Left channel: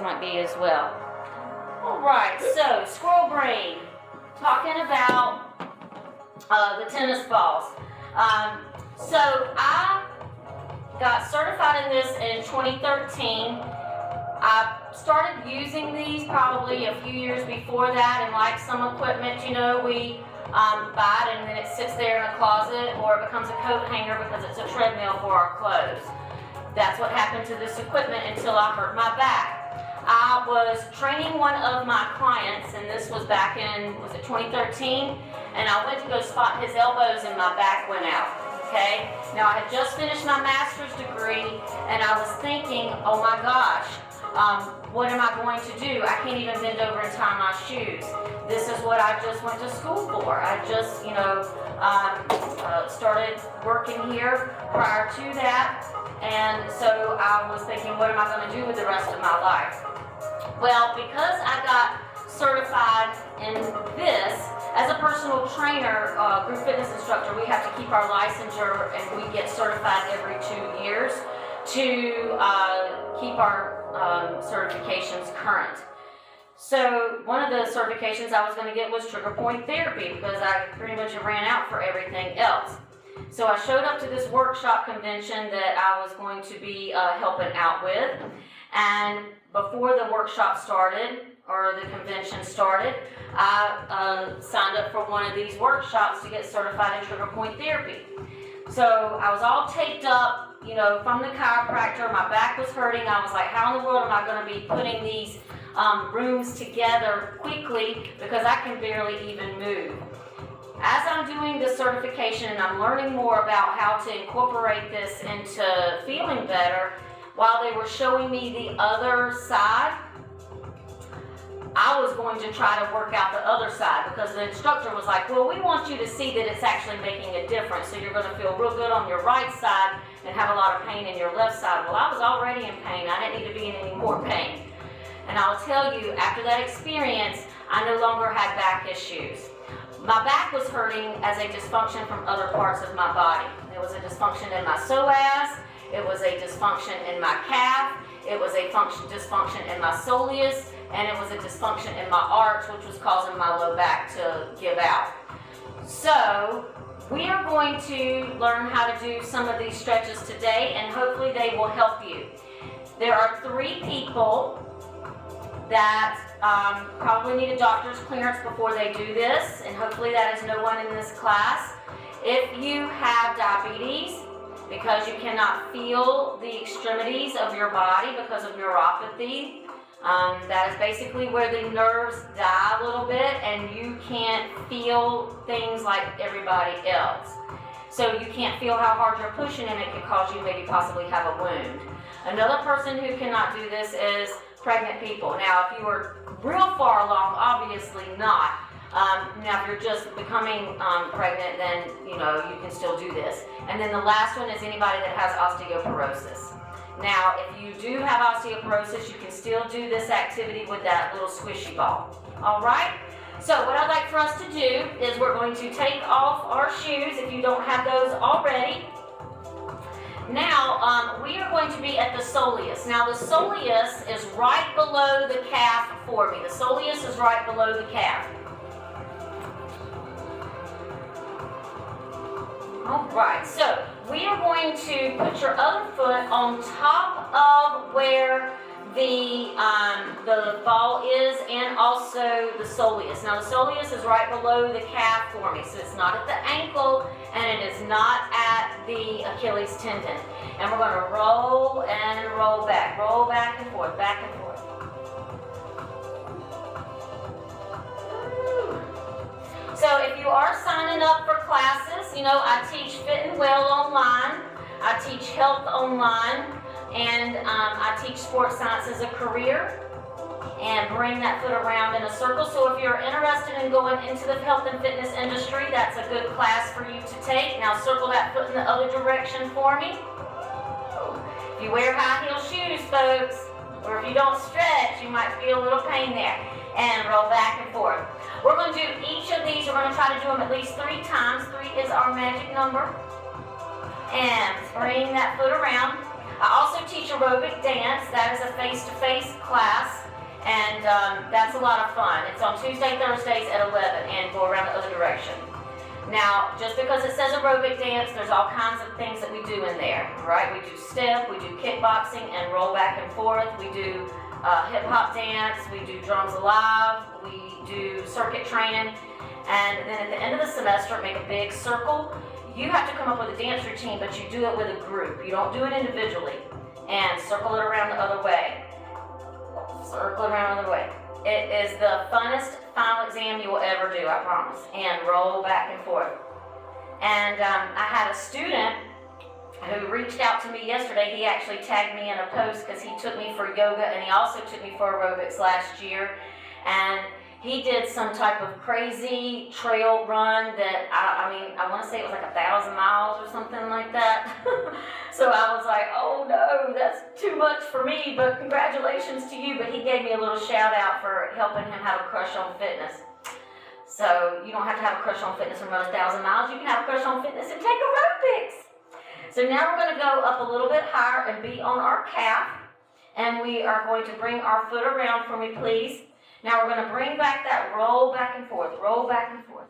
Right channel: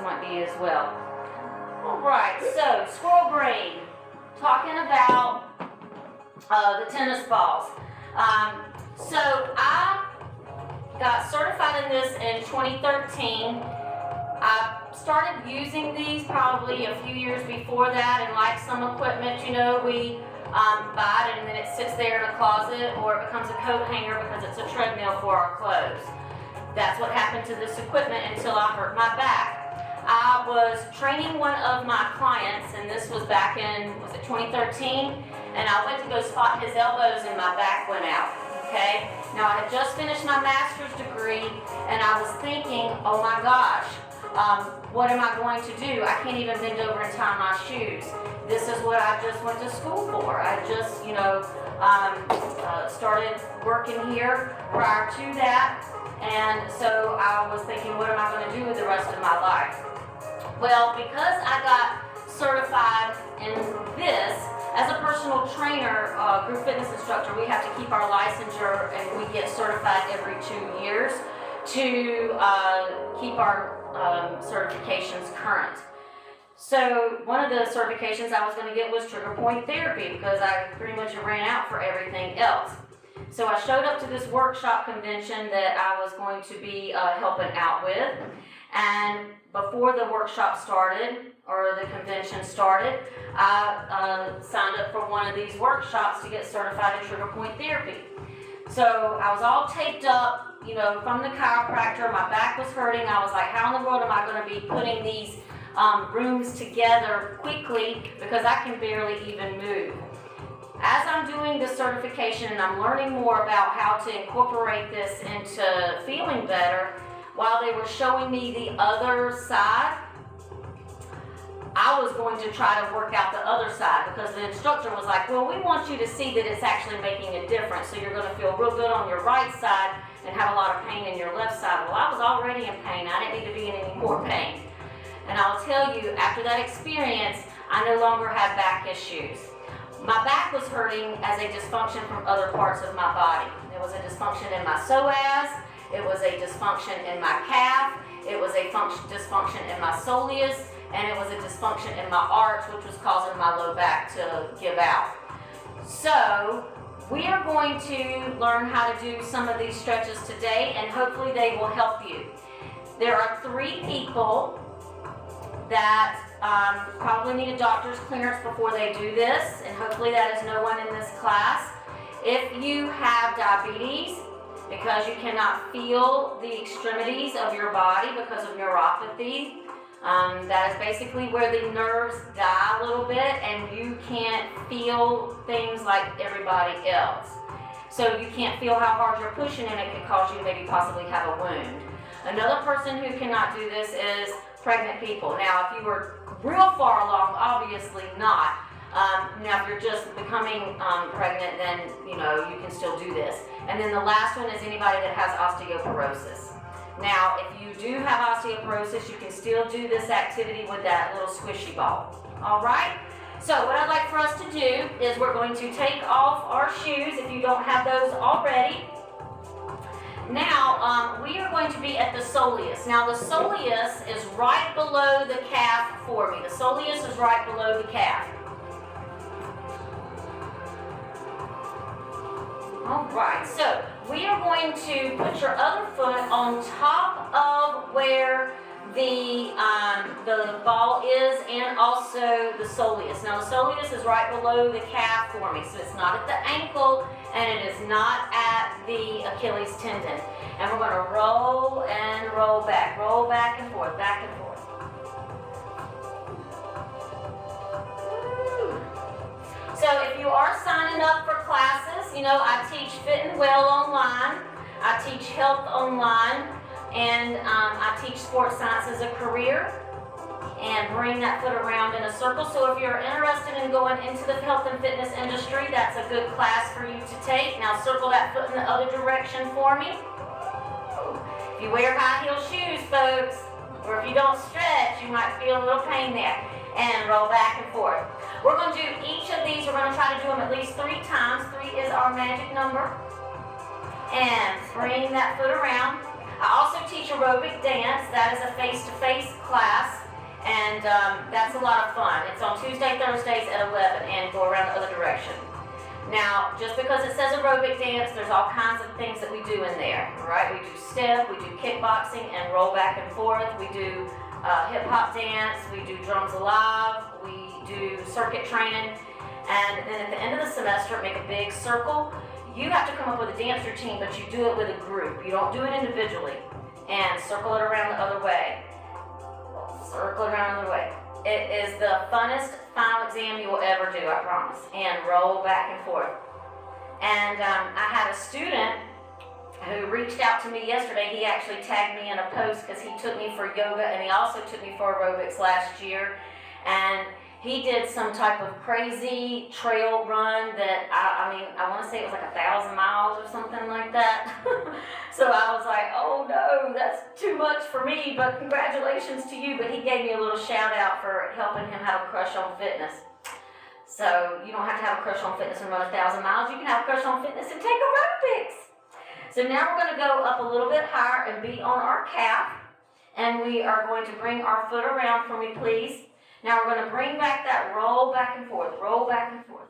else might be as well. All right, so squirrel brain, talking about the tennis balls. So I got certified in this in 2013. I started using these probably a few years before that, and like some equipment, you know, we buy it and then it sits there in a closet, or it becomes a coat hanger because it's a treadmill for our clothes. That's what happened to this equipment until I hurt my back. I was training one of my clients, and this was back in, was it 2013? And I went to go spot his elbows and my back went out, okay? Now I had just finished my master's degree, and I was thinking, oh my gosh, what am I going to do? I can't even bend over and tie my shoes. This is what I just went to school for. I just, you know, started working here prior to that. And so I was thinking, what am I going to do with the rest of my life? Well, because I got certified in this, as a personal trainer, group fitness instructor, we have to keep our licensure, and we get certified every 2 years to keep our certifications current. So one of the certifications I was going to get was trigger point therapy, because I pretty much ran out for everything else. So I showed up to this workshop convention that I was going to be helping out with, and before the workshop started, or the convention started, I signed up for one of these workshops to get certified in trigger point therapy. So I was all taped up, you know, from the chiropractor. My back was hurting. I was like, how in the world am I going to be putting these rooms together quickly, because I can barely even move. As I'm doing the certification and I'm learning more about how to incorporate this into feeling better, while they were showing me the other side, I was going to try to work out the other side, because the instructor was like, well, we want you to see that it's actually making a difference. So you're going to feel real good on your right side and have a lot of pain in your left side. Well, I was already in pain. I didn't need to be in any more pain. And I'll tell you, after that experience, I no longer had back issues. My back was hurting as a dysfunction from other parts of my body. There was a dysfunction in my psoas, it was a dysfunction in my calf, it was a dysfunction in my soleus, and it was a dysfunction in my arch, which was causing my low back to give out. So we are going to learn how to do some of these stretches today, and hopefully they will help you. There are 3 people that probably need a doctor's clearance before they do this, and hopefully that is no one in this class. If you have diabetes, because you cannot feel the extremities of your body because of neuropathy, that is basically where the nerves die a little bit and you can't feel things like everybody else. So you can't feel how hard you're pushing, and it could cause you maybe possibly have a wound. Another person who cannot do this is pregnant people. Now, if you were real far along, obviously not. Now, if you're just becoming pregnant, then, you know, you can still do this. And then the last one is anybody that has osteoporosis. Now, if you do have osteoporosis, you can still do this activity with that little squishy ball. All right? So what I'd like for us to do is we're going to take off our shoes if you don't have those already. Now, we are going to be at the soleus. Now, the soleus is right below the calf for me. The soleus is right below the calf. All right, so we are going to put your other foot on top of where the ball is, and also the soleus. Now, the soleus is right below the calf for me, so it's not at the ankle, and it is not at the Achilles tendon. And we're going to roll and roll back and forth, back and forth. So if you are signing up for classes, you know, I teach Fit and Well online, I teach health online, and I teach sports science as a career, and bring that foot around in a circle. So if you're interested in going into the health and fitness industry, that's a good class for you to take. Now circle that foot in the other direction for me. If you wear high heel shoes, folks, or if you don't stretch, you might feel a little pain there. And roll back and forth. We're going to do each of these. We're going to try to do them at least 3 times. 3 is our magic number. And bring that foot around. I also teach aerobic dance. That is a face-to-face class, and that's a lot of fun. It's on Tuesday, Thursdays at 11, and go around the other direction. Now, just because it says aerobic dance, there's all kinds of things that we do in there, right? We do step, we do kickboxing and roll back and forth. We do hip-hop dance, we do drums alive, we do circuit training, and then at the end of the semester, make a big circle. You have to come up with a dance routine, but you do it with a group. You don't do it individually. And circle it around the other way. Circle it around the other way. It is the funnest final exam you will ever do, I promise. And roll back and forth. And I had a student who reached out to me yesterday. He actually tagged me in a post because he took me for yoga, and he also took me for aerobics last year. And he did some type of crazy trail run that, I want to say it was like 1,000 miles or something like that. So I was like, oh no, that's too much for me, but congratulations to you. But he gave me a little shout out for helping him have a crush on fitness. So you don't have to have a crush on fitness and run 1,000 miles. You can have a crush on fitness and take aerobics. So now we're going to go up a little bit higher and be on our calf. And we are going to bring our foot around for me, please. Now we're going to bring back that roll back and forth, roll back and forth.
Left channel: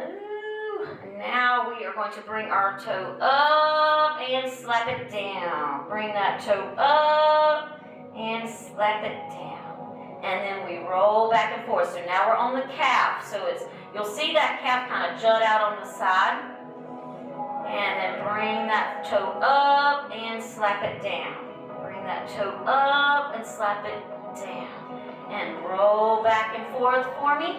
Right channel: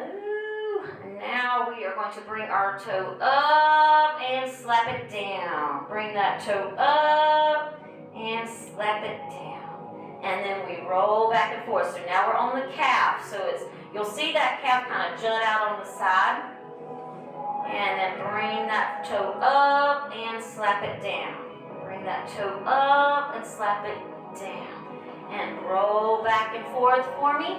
Ooh, now we are going to bring our toe up and slap it down. Bring that toe up and slap it down. And then we roll back and forth. So now we're on the calf. So you'll see that calf kind of jut out on the side. And then bring that toe up and slap it down. Bring that toe up and slap it down. And roll back and forth for me.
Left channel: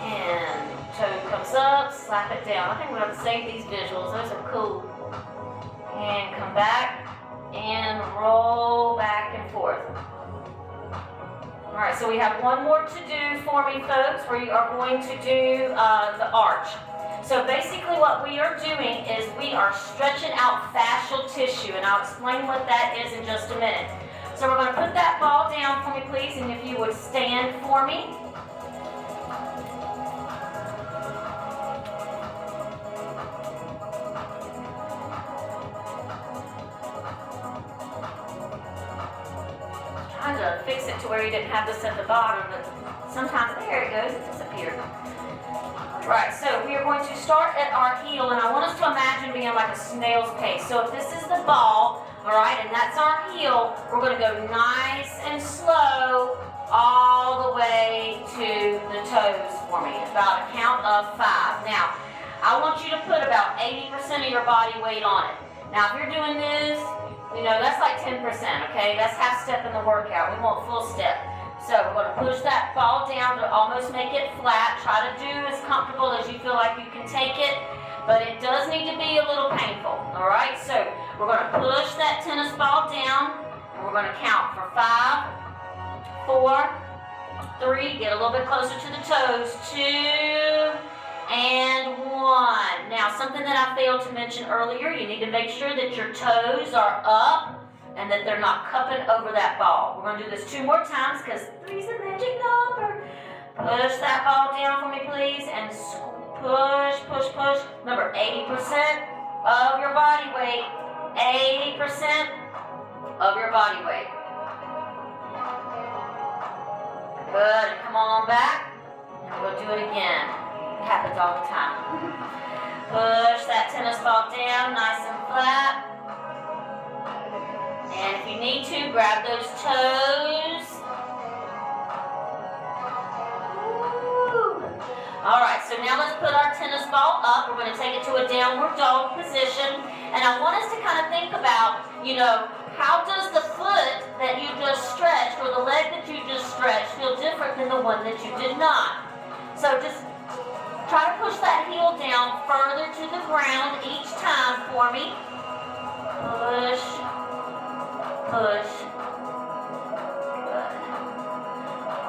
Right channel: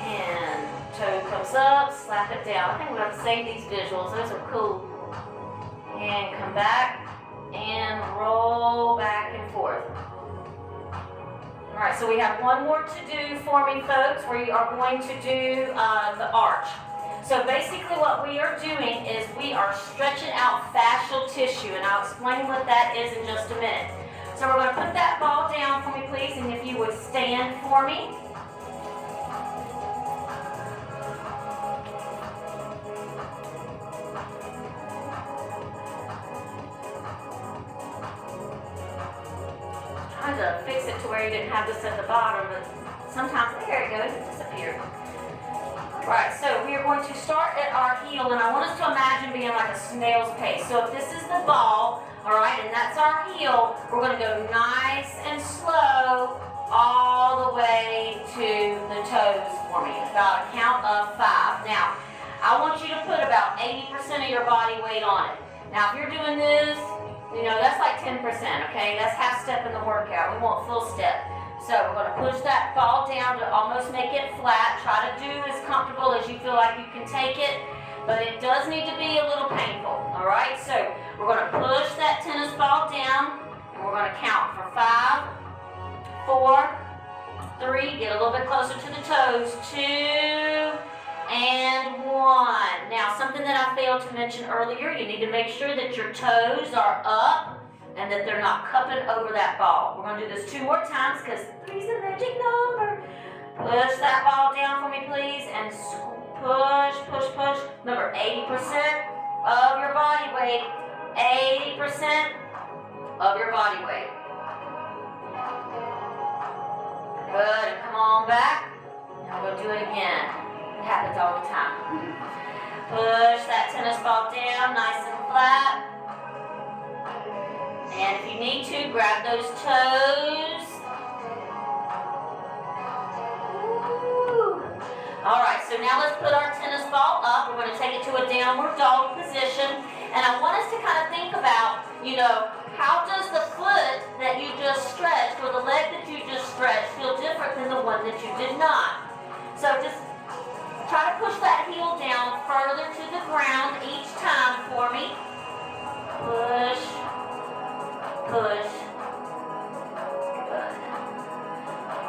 And toe comes up, slap it down. I think we're going to save these visuals. Those are cool. And come back and roll back and forth. All right, so we have one more to do for me, folks, where you are going to do the arch. So basically what we are doing is we are stretching out fascial tissue, and I'll explain what that is in just a minute. So we're going to put that ball down for me, please, and if you would stand for me. Trying to fix it to where you didn't have this at the bottom, but sometimes, there it goes, it disappeared. Right, so we are going to start at our heel, and I want us to imagine being like a snail's pace. So if this is the ball, all right, and that's our heel, we're going to go nice and slow all the way to the toes for me, about a count of 5. Now, I want you to put about 80% of your body weight on it. Now, if you're doing this, you know, that's like 10%, okay? That's half step in the workout. We want full step. So we're going to push that ball down to almost make it flat. Try to do as comfortable as you feel like you can take it, but it does need to be a little painful, all right? So we're going to push that tennis ball down, and we're going to count for 5, 4, 3, get a little bit closer to the toes, 2, and 1. Now, something that I failed to mention earlier, you need to make sure that your toes are up and that they're not cupping over that ball. We're going to do this 2 more times because 3 is a magic number. Push that ball down for me, please, and push, push, push. Remember, 80% of your body weight. 80% of your body weight. Good, and come on back. And we'll do it again. It happens all the time. Push that tennis ball down, nice and flat. And if you need to, grab those toes. Ooh. All right, so now let's put our tennis ball up. We're going to take it to a downward dog position. And I want us to kind of think about, you know, how does the foot that you just stretched or the leg that you just stretched feel different than the one that you did not? So just try to push that heel down further to the ground each time for me. Push. Push. Good.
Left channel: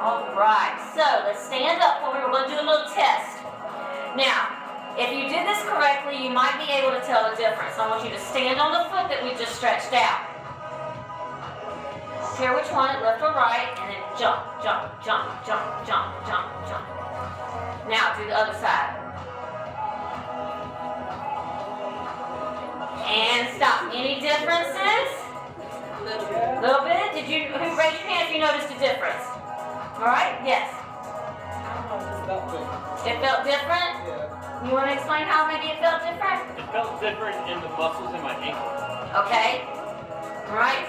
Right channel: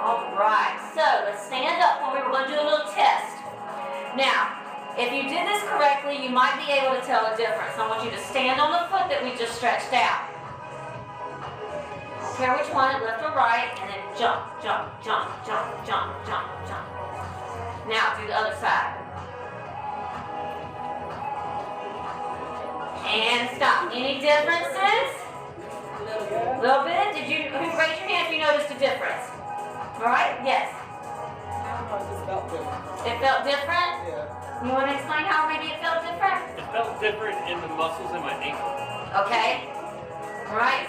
All right, so let's stand up for me. We're going to do a little test. Now, if you did this correctly, you might be able to tell the difference. I want you to stand on the foot that we just stretched out. I don't care which one, left or right, and then jump, jump, jump, jump, jump, jump, jump. Now do the other side. And stop. Any differences? A little bit. Little bit? Who raised your hand if you noticed a difference? All right, yes. I just felt different. It felt different? Yeah. You want to explain how maybe it felt different? It felt different in the muscles in my ankle. Okay. All right.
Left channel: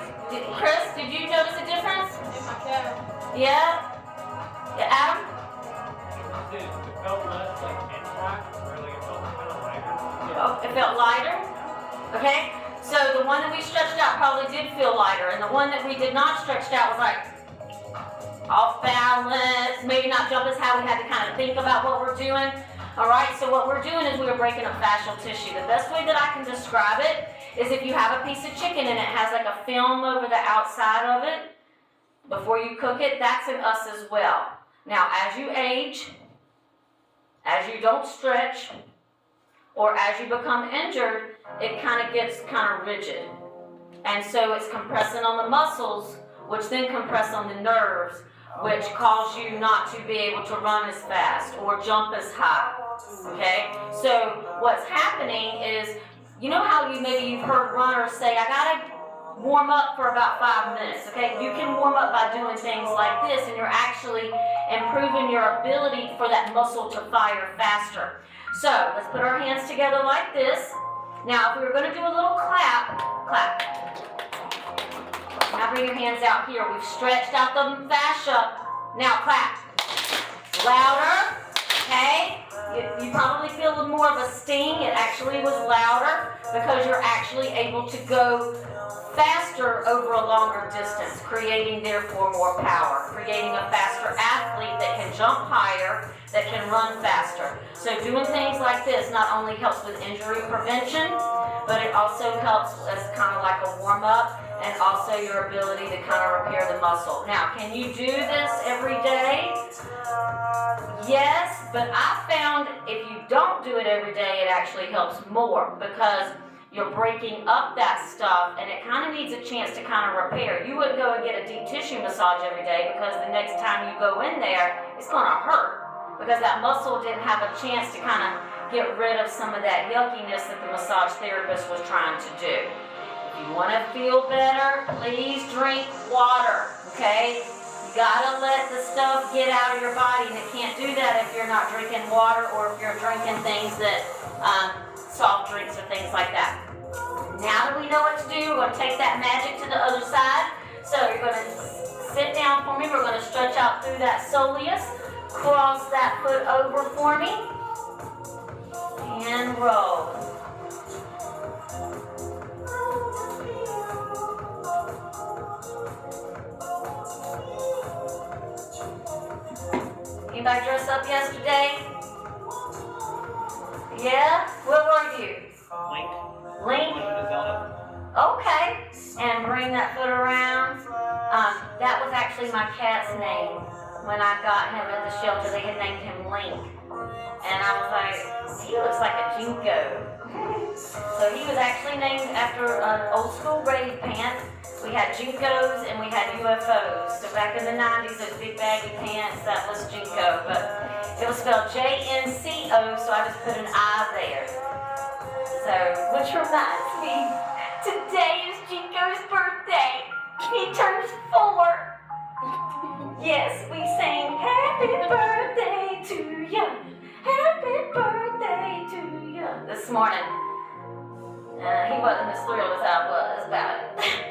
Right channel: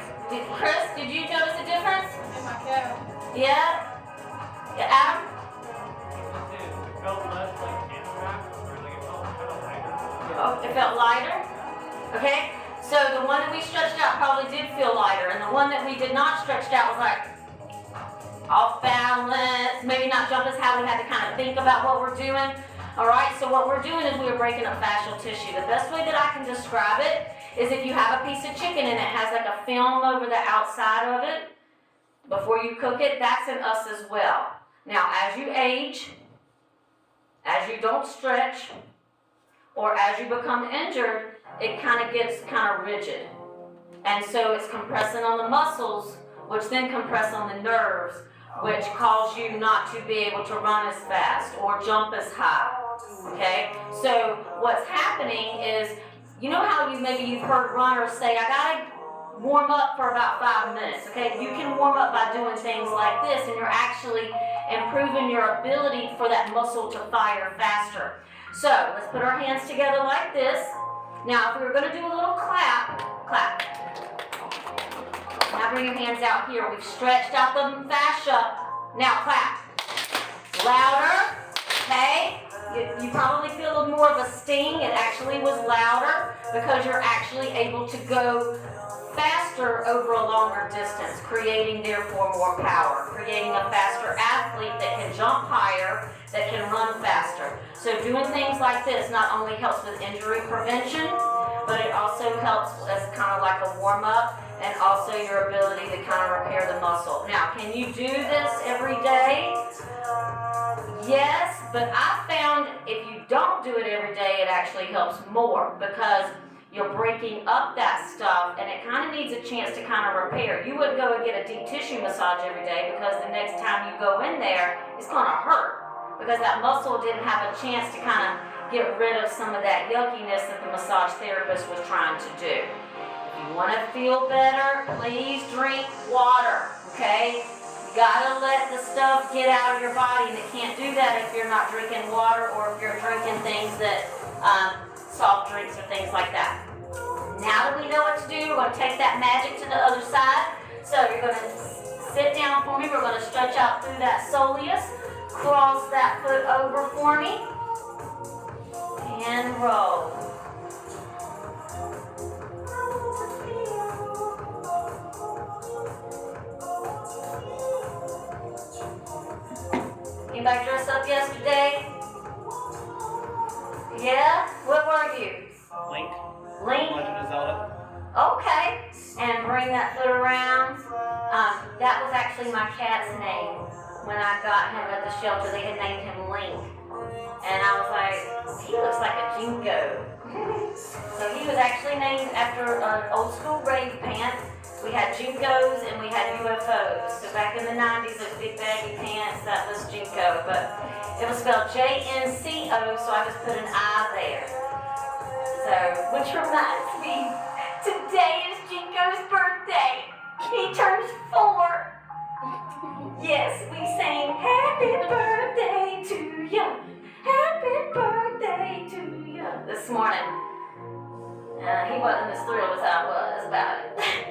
Chris, did you notice a difference? In my calf. Yeah? Adam? It felt less like impact, or like it felt kind of lighter. Oh, it felt lighter? Okay. So the one that we stretched out probably did feel lighter, and the one that we did not stretch out was like off balance, maybe not jump as high. We had to kind of think about what we're doing. All right, so what we're doing is we're breaking up fascial tissue. The best way that I can describe it is if you have a piece of chicken and it has like a film over the outside of it, before you cook it, that's in us as well. Now, as you age, as you don't stretch, or as you become injured, it kind of gets kind of rigid. And so it's compressing on the muscles, which then compress on the nerves, which cause you not to be able to run as fast or jump as high. Okay? So what's happening is, you know how you've heard runners say, I gotta warm up for about 5 minutes. Okay? You can warm up by doing things like this, and you're actually improving your ability for that muscle to fire faster. So let's put our hands together like this. Now, if we were going to do a little clap, clap. Now bring your hands out here. We've stretched out the fascia. Now clap. Louder, okay? You probably feel more of a sting. It actually was louder because you're actually able to go faster over a longer distance, creating therefore more power, creating a faster athlete that can jump higher, that can run faster. So doing things like this not only helps with injury prevention, but it also helps as kind of like a warm-up and also your ability to kind of repair the muscle. Now, can you do this every day? Yes, but I found if you don't do it every day, it actually helps more because you're breaking up that stuff and it kind of needs a chance to kind of repair. You wouldn't go and get a deep tissue massage every day because the next time you go in there, it's going to hurt because that muscle didn't have a chance to kind of get rid of some of that yuckiness that the massage therapist was trying to do. If you want to feel better, please drink water, okay? You gotta let the stuff get out of your body, and it can't do that if you're not drinking water or if you're drinking things that, soft drinks or things like that. Now that we know what to do, we're gonna take that magic to the other side. So you're gonna sit down for me. We're gonna stretch out through that soleus, cross that foot over for me, and roll. Anybody dress up yesterday? Yeah? What were you? Link. Link? Okay. And bring that foot around. That was actually my cat's name. When I got him at the shelter, they had named him Link. And I was like, he looks like a jingo. So he was actually named after an old school rave pant. We had jinkos and we had UFOs. So back in the 90s, those big baggy pants, that was jinko. But it was spelled J-N-C-O, so I just put an I there. So, which reminds me, today is Jinko's birthday. He turns 4. Yes, we sang happy birthday to you. Happy birthday to you this morning. He wasn't as thrilled as I was about it.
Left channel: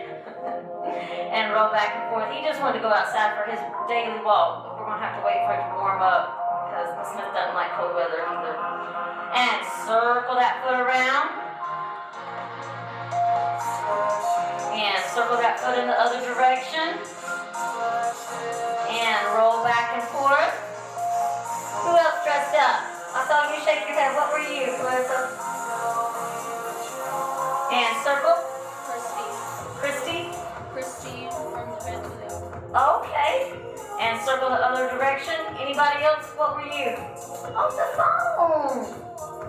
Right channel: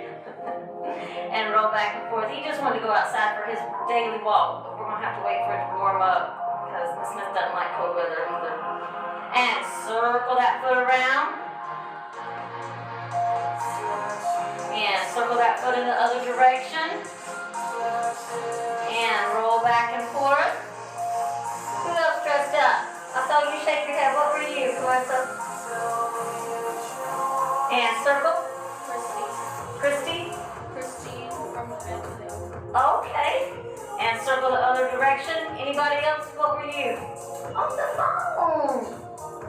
And roll back and forth. He just wanted to go outside for his daily walk. But we're going to have to wait for it to warm up because Miss Smith doesn't like cold weather either. And circle that foot around. And circle that foot in the other direction. And roll back and forth. Who else dressed up? I saw you shake your head. What were you, Clarissa? And circle. Christy. Christine from the Bentley. Okay. And circle the other direction. Anybody else? What were you? On the phone.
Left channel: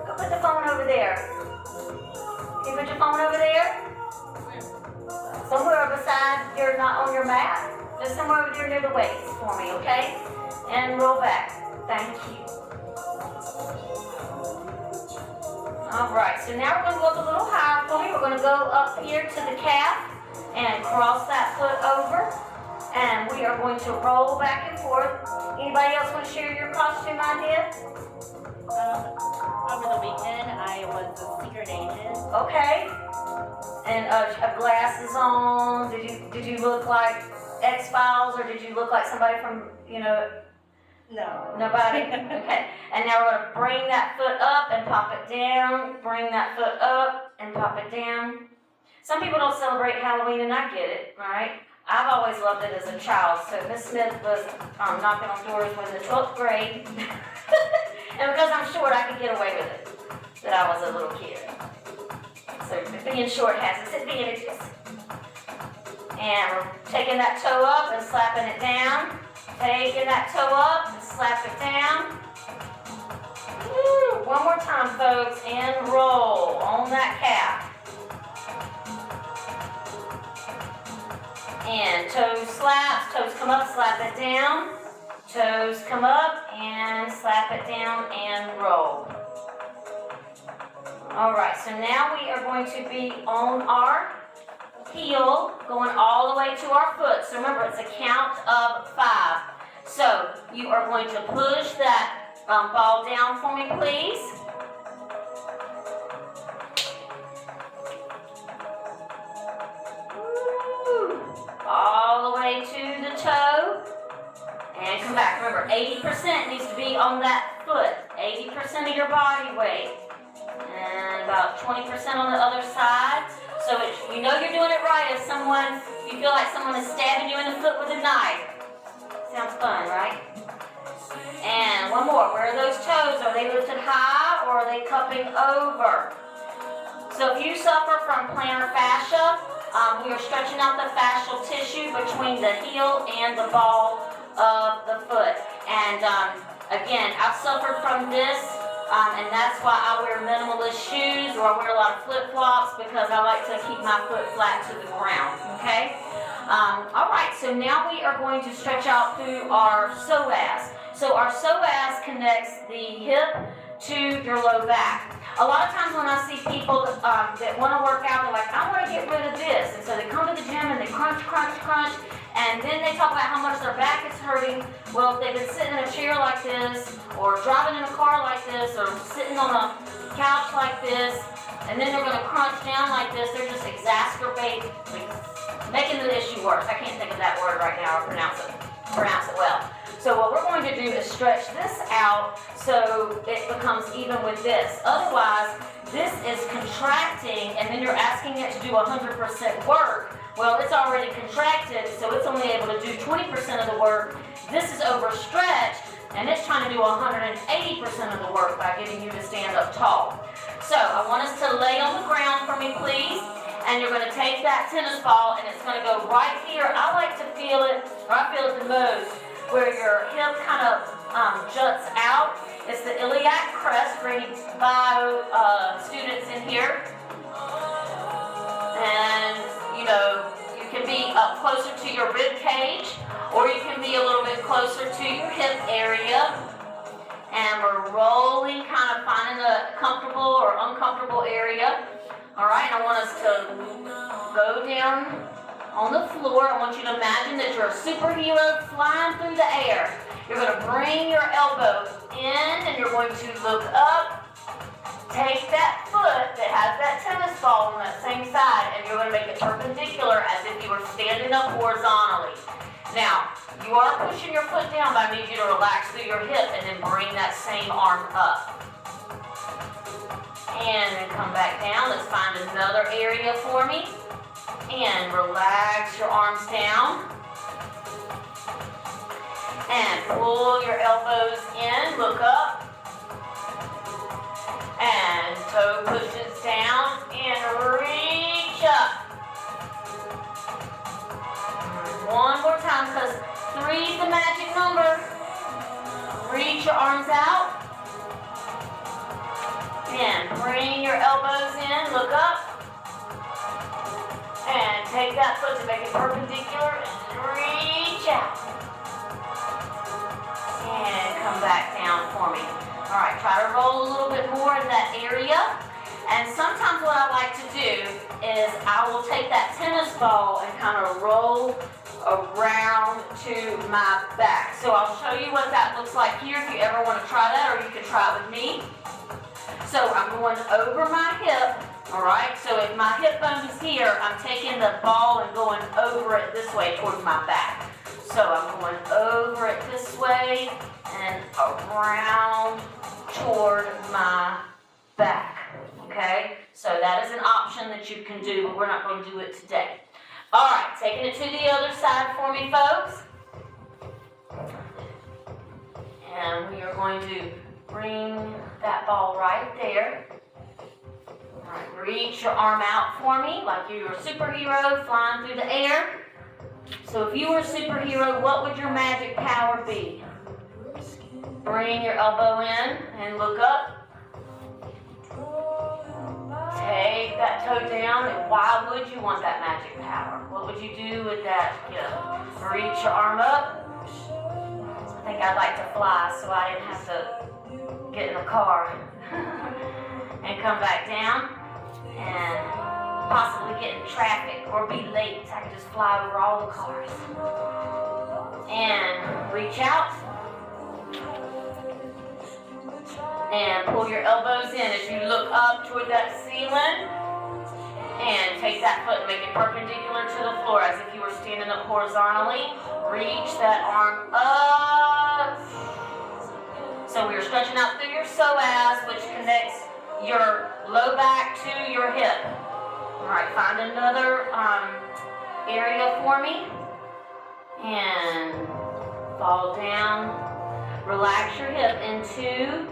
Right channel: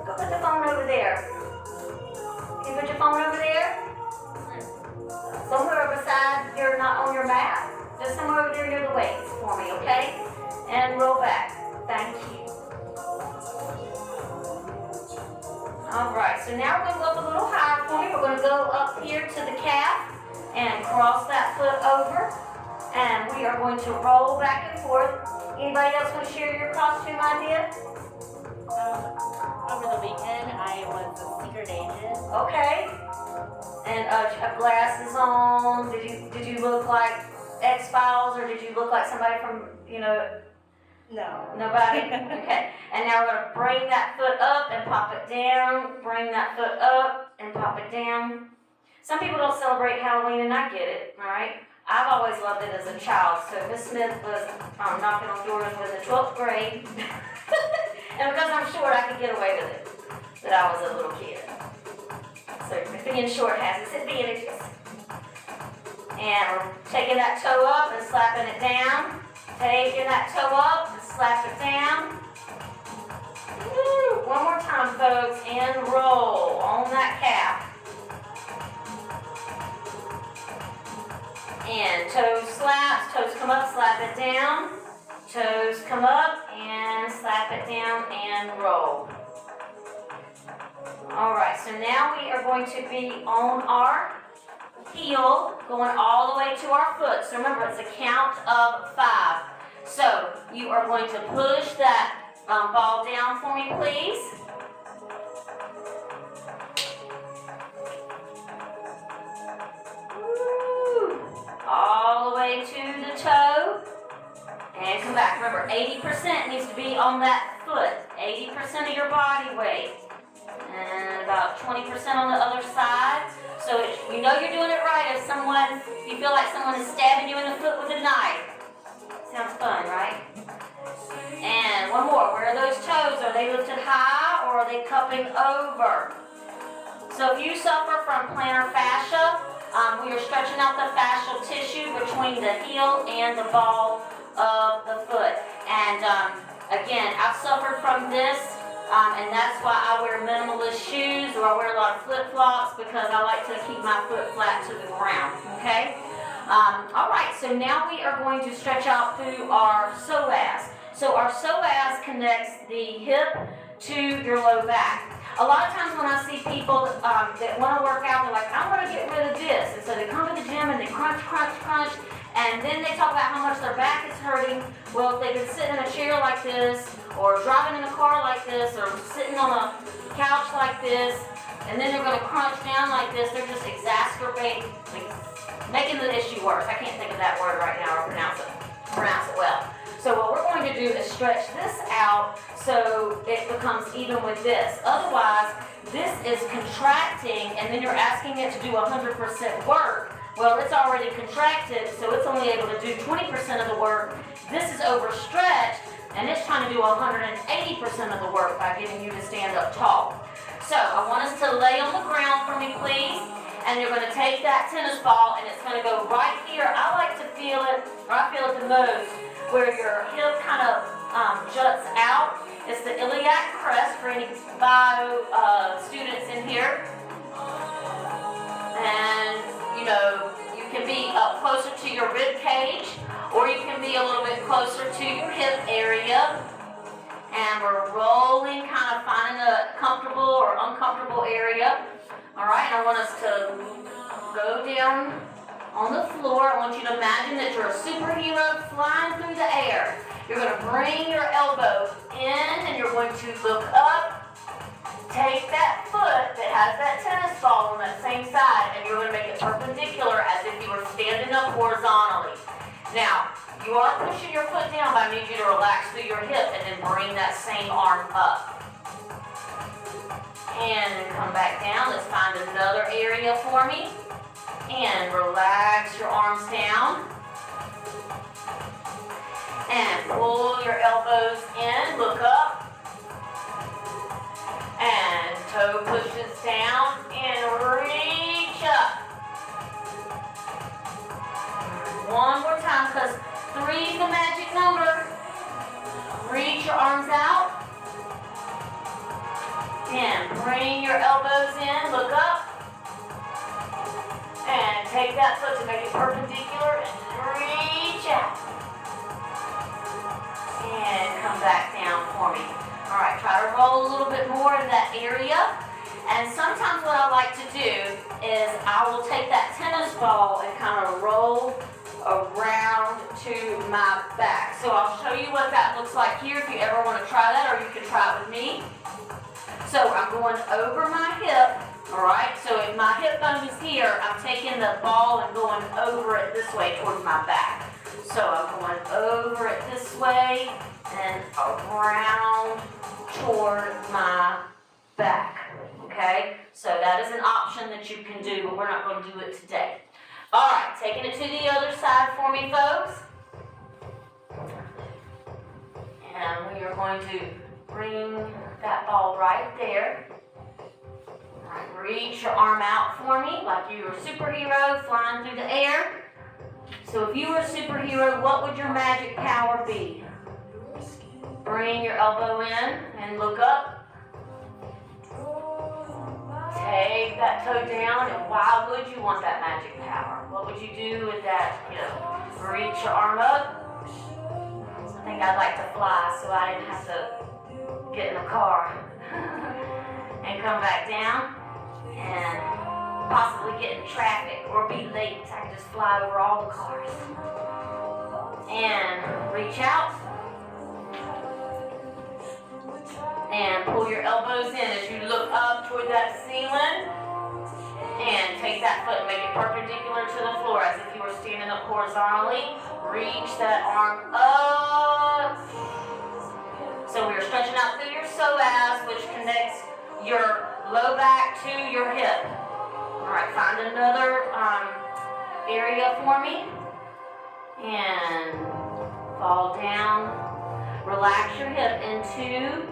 Go put the phone over there. Can you put your phone over there? Somewhere beside your, not on your mat. Just somewhere over there near the weights for me, okay? And roll back. Thank you. All right, so now we're gonna go up a little higher for me. We're gonna go up here to the calf and cross that foot over. And we are going to roll back and forth. Anybody else want to share your costume idea? Over the weekend, I was a secret agent. Okay. And have glasses on. Did you look like X-Files, or did you look like somebody from, No. nobody? Okay. And now we're going to bring that foot up and pop it down. Bring that foot up and pop it down. Some people don't celebrate Halloween, and I get it, all right? I've always loved it as a child. So Miss Smith was knocking on doors in the 12th grade. And because I'm short, I could get away with it, that I was a little kid. So being short has its advantages. And we're taking that toe up and slapping it down. Taking that toe up and slap it down. Woo! One more time, folks, and roll on that calf. And toes slaps, toes come up, slap it down. Toes come up and slap it down and roll. All right, so now we are going to be on our heel, going all the way to our foot. So remember, it's a count of 5. So you are going to push that ball down for me, please. Woo. All the way to the toe. And come back. Remember, 80% needs to be on that foot. 80% of your body weight. And about 20% on the other side. So you know you're doing it right if you feel like someone is stabbing you in the foot with a knife. Sounds fun, right? And one more. Where are those toes? Are they lifted high or are they cupping over? So if you suffer from plantar fascia, we are stretching out the fascial tissue between the heel and the ball of the foot. And again, I've suffered from this, and that's why I wear minimalist shoes, or I wear a lot of flip-flops, because I like to keep my foot flat to the ground, okay? All right, so now we are going to stretch out through our psoas. So our psoas connects the hip to your low back. A lot of times when I see people that want to work out, they're like, I want to get rid of this. And so they come to the gym and they crunch, crunch, crunch. And then they talk about how much their back is hurting. Well, if they've been sitting in a chair like this, or driving in a car like this, or sitting on a couch like this, and then they're going to crunch down like this, they're just exacerbating, making the issue worse. I can't think of that word right now or pronounce it well. So what we're going to do is stretch this out so it becomes even with this. Otherwise, this is contracting, and then you're asking it to do 100% work. Well, it's already contracted, so it's only able to do 20% of the work. This is overstretched, and it's trying to do 180% of the work by getting you to stand up tall. So I want us to lay on the ground for me, please. And you're going to take that tennis ball, and it's going to go right here. I like to feel it, or I feel it the most, where your hip kind of juts out. It's the iliac crest for any bio students in here. And you can be up closer to your rib cage, or you can be a little bit closer to your hip area. And we're rolling, kind of finding a comfortable or uncomfortable area. All right, I want us to go down on the floor. I want you to imagine that you're a superhero flying through the air. You're going to bring your elbow in, and you're going to look up. Take that foot that has that tennis ball on that same side, and you're going to make it perpendicular as if you were standing up horizontally. Now, you are pushing your foot down, but I need you to relax through your hip and then bring that same arm up. And then come back down. Let's find another area for me. And relax your arms down. And pull your elbows in, look up. And toe pushes down and reach up. One more time, because 3 is the magic number. Reach your arms out. And bring your elbows in, look up. And take that foot to make it perpendicular and reach out. And come back down for me. All right, try to roll a little bit more in that area. And sometimes what I like to do is I will take that tennis ball and kind of roll around to my back. So I'll show you what that looks like here if you ever want to try that, or you can try it with me. So I'm going over my hip, all right? So if my hip bone is here, I'm taking the ball and going over it this way towards my back. So I'm going over it this way and around toward my back, okay? So that is an option that you can do, but we're not going to do it today. All right, taking it to the other side for me, folks. And we are going to bring that ball right there. All right, reach your arm out for me like you're a superhero flying through the air. So if you were a superhero, what would your magic power be? Bring your elbow in and look up. Take that toe down, and why would you want that magic power? What would you do with that? You know, reach your arm up. I think I'd like to fly so I didn't have to get in the car and come back down and possibly get in traffic or be late so I can just fly over all the cars. And reach out. And pull your elbows in as you look up toward that ceiling. And take that foot and make it perpendicular to the floor as if you were standing up horizontally. Reach that arm up. So we are stretching out through your psoas, which connects your low back to your hip. All right, find another area for me. And fall down. Relax your hip into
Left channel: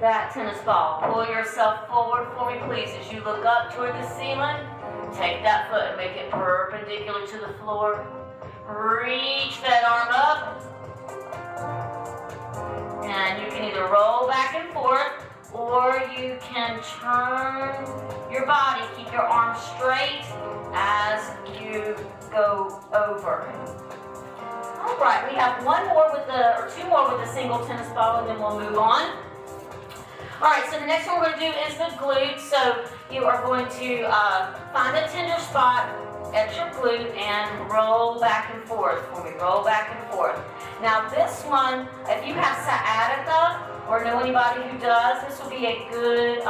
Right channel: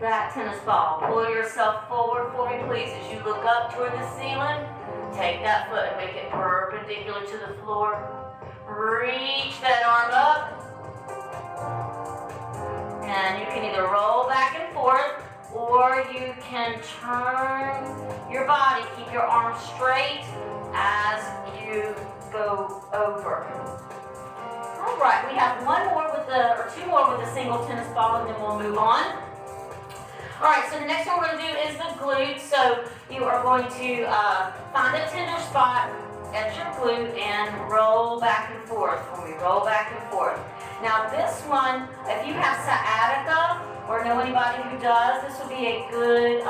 that tennis ball. Pull yourself forward for me, please. As you look up toward the ceiling, take that foot and make it perpendicular to the floor. Reach that arm up. And you can either roll back and forth, or you can turn your body, keep your arms straight as you go over. All right, we have two more with the single tennis ball, and then we'll move on. All right, so the next one we're going to do is the glute. So you are going to find a tender spot at your glute and roll back and forth for me. Roll back and forth. Now this one, if you have sciatica or know anybody who does, this would be a good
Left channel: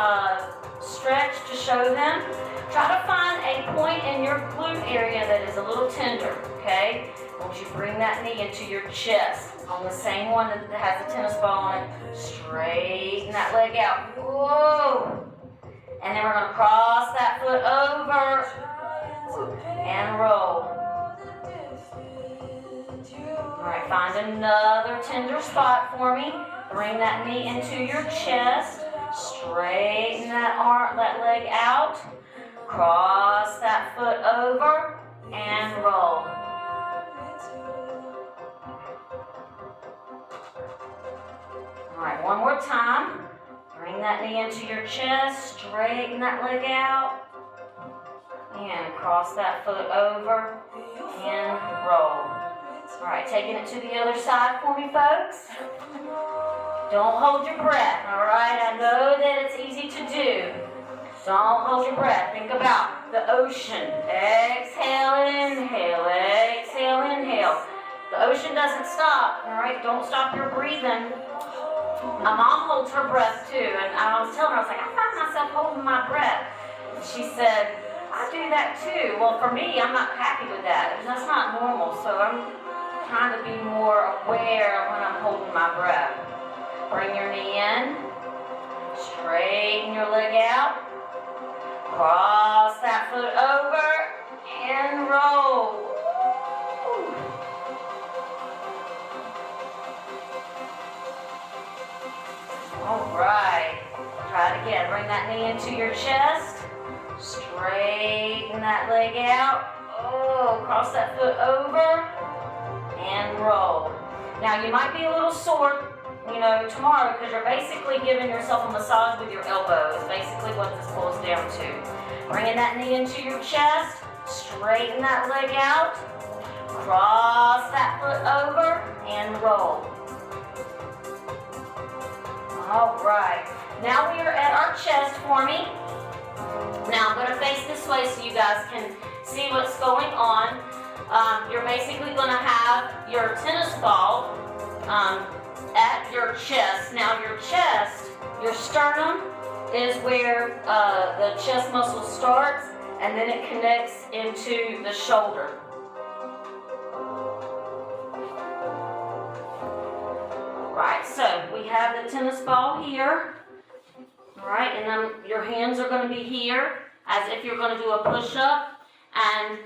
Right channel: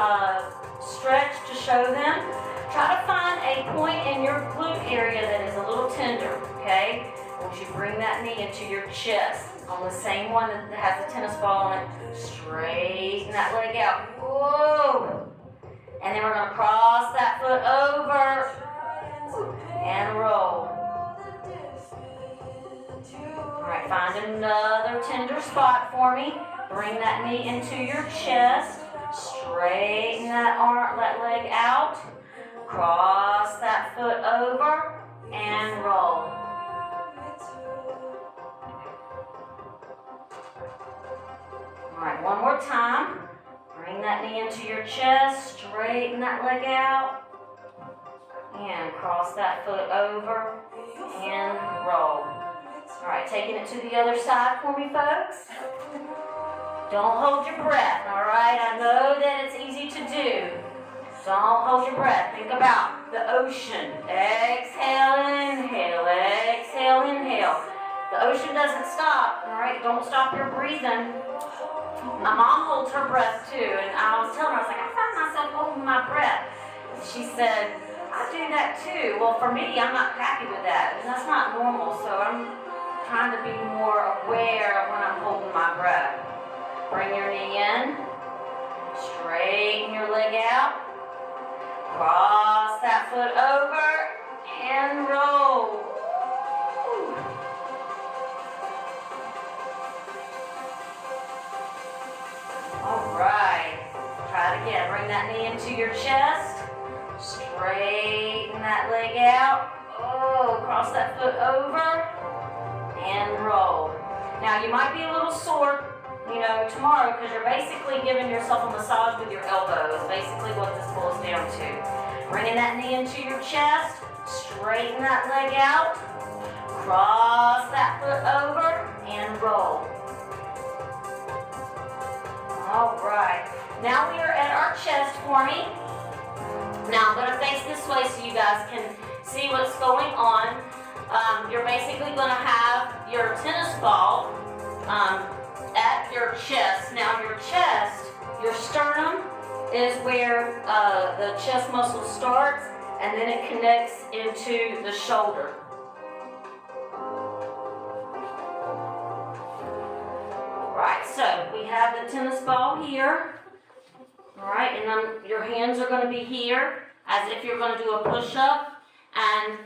stretch to show them. Try to find a point in your glute area that is a little tender, okay? I want you to bring that knee into your chest. On the same one that has the tennis ball on it, straighten that leg out. Whoa! And then we're going to cross that foot over and roll. All right, find another tender spot for me. Bring that knee into your chest. Straighten that leg out. Cross that foot over and roll. All right, one more time. Bring that knee into your chest, straighten that leg out, and cross that foot over and roll. All right, taking it to the other side for me, folks. Don't hold your breath, all right? I know that it's easy to do. Don't hold your breath. Think about the ocean. Exhale, inhale, exhale, inhale. The ocean doesn't stop, all right? Don't stop your breathing. My mom holds her breath too, and I was telling her, I was like, I find myself holding my breath. And she said, I do that too. Well, for me, I'm not happy with that. That's not normal, so I'm trying to be more aware of when I'm holding my breath. Bring your knee in, straighten your leg out, cross that foot over, and roll. All right, try it again. Bring that knee into your chest, straighten that leg out. Oh, cross that foot over and roll. Now you might be a little sore, tomorrow because you're basically giving yourself a massage with your elbow is basically what this boils down to. Bringing that knee into your chest, straighten that leg out, cross that foot over and roll. All right. Now we are at our chest for me. Now I'm gonna face this way so you guys can see what's going on. You're basically gonna have your tennis ball at your chest. Now your chest, your sternum is where the chest muscle starts, and then it connects into the shoulder. Right, so we have the tennis ball here. All right, and then your hands are going to be here as if you're going to do a push-up, and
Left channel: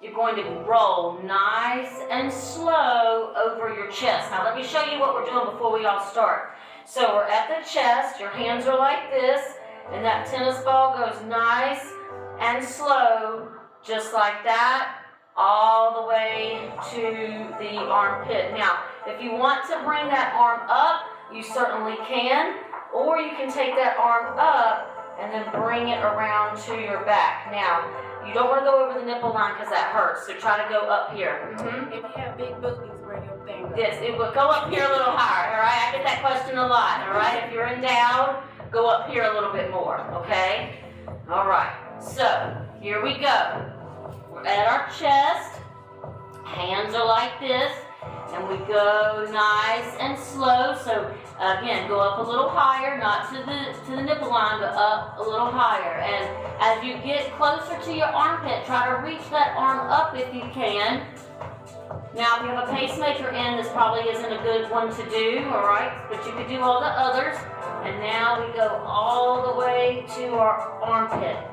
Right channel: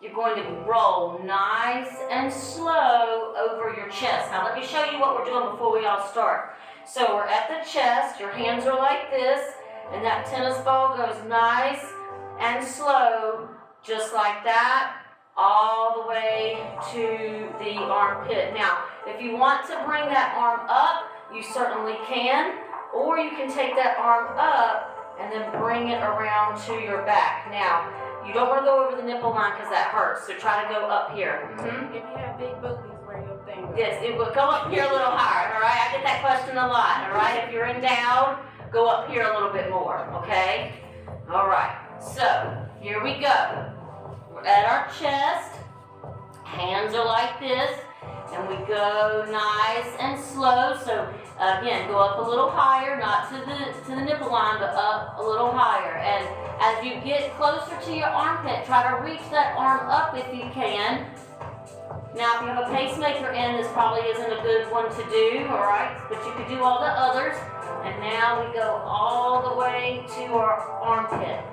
you're going to roll nice and slow over your chest. Now let me show you what we're doing before we all start. So we're at the chest, your hands are like this, and that tennis ball goes nice and slow, just like that, all the way to the armpit. Now, if you want to bring that arm up, you certainly can, or you can take that arm up and then bring it around to your back. Now, you don't want to go over the nipple line because that hurts, so try to go up here. If you have big boobies, where your thing goes. Yes, it will go up here a little higher, all right? I get that question a lot, all right? If you're endowed, go up here a little bit more, okay? All right, so here we go. We're at our chest, hands are like this, and we go nice and slow. So again, go up a little higher, not to the nipple line, but up a little higher. And as you get closer to your armpit, try to reach that arm up if you can. Now, if you have a pacemaker in, this probably isn't a good one to do, all right? But you could do all the others. And now we go all the way to our armpit.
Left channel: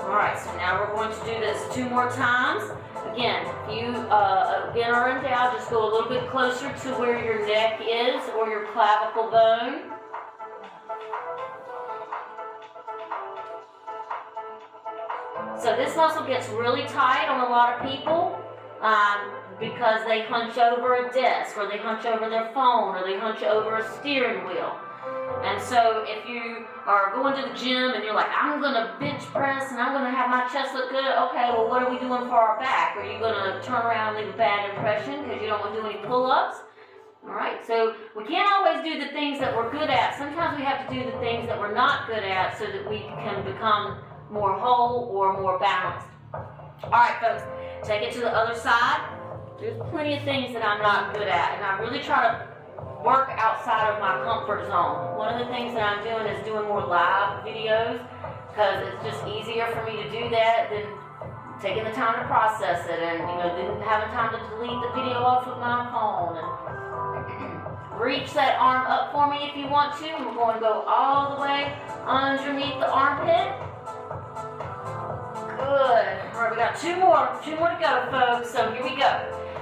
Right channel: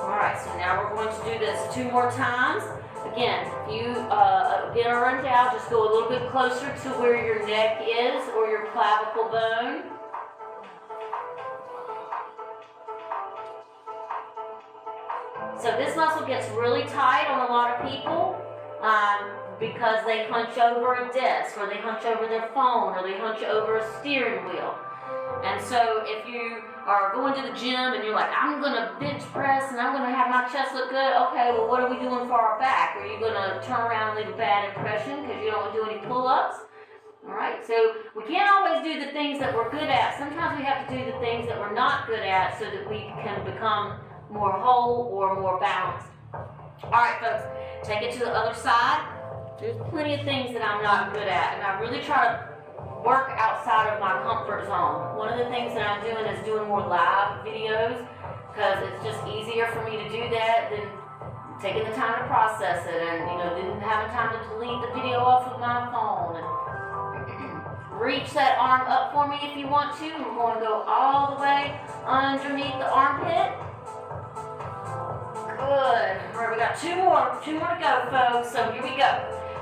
All right, so now we're going to do this 2 more times. Again, if you again are endowed, just go a little bit closer to where your neck is or your clavicle bone. So this muscle gets really tight on a lot of people because they hunch over a desk, or they hunch over their phone, or they hunch over a steering wheel. And so if you are going to the gym and you're like, I'm gonna bench press and I'm gonna have my chest look good, okay, well what are we doing for our back? Are you gonna turn around and leave a bad impression because you don't want to do any pull-ups? All right, so we can't always do the things that we're good at. Sometimes we have to do the things that we're not good at so that we can become more whole or more balanced. All right, folks, take it to the other side. There's plenty of things that I'm not good at, and I really try to work outside of my comfort zone. One of the things that I'm doing is doing more live videos because it's just easier for me to do that than taking the time to process it, and then having time to delete the video off of my phone. And reach that arm up for me if you want to. We're going to go all the way underneath the armpit. Good. All right, we got two more to go, folks. So here we go.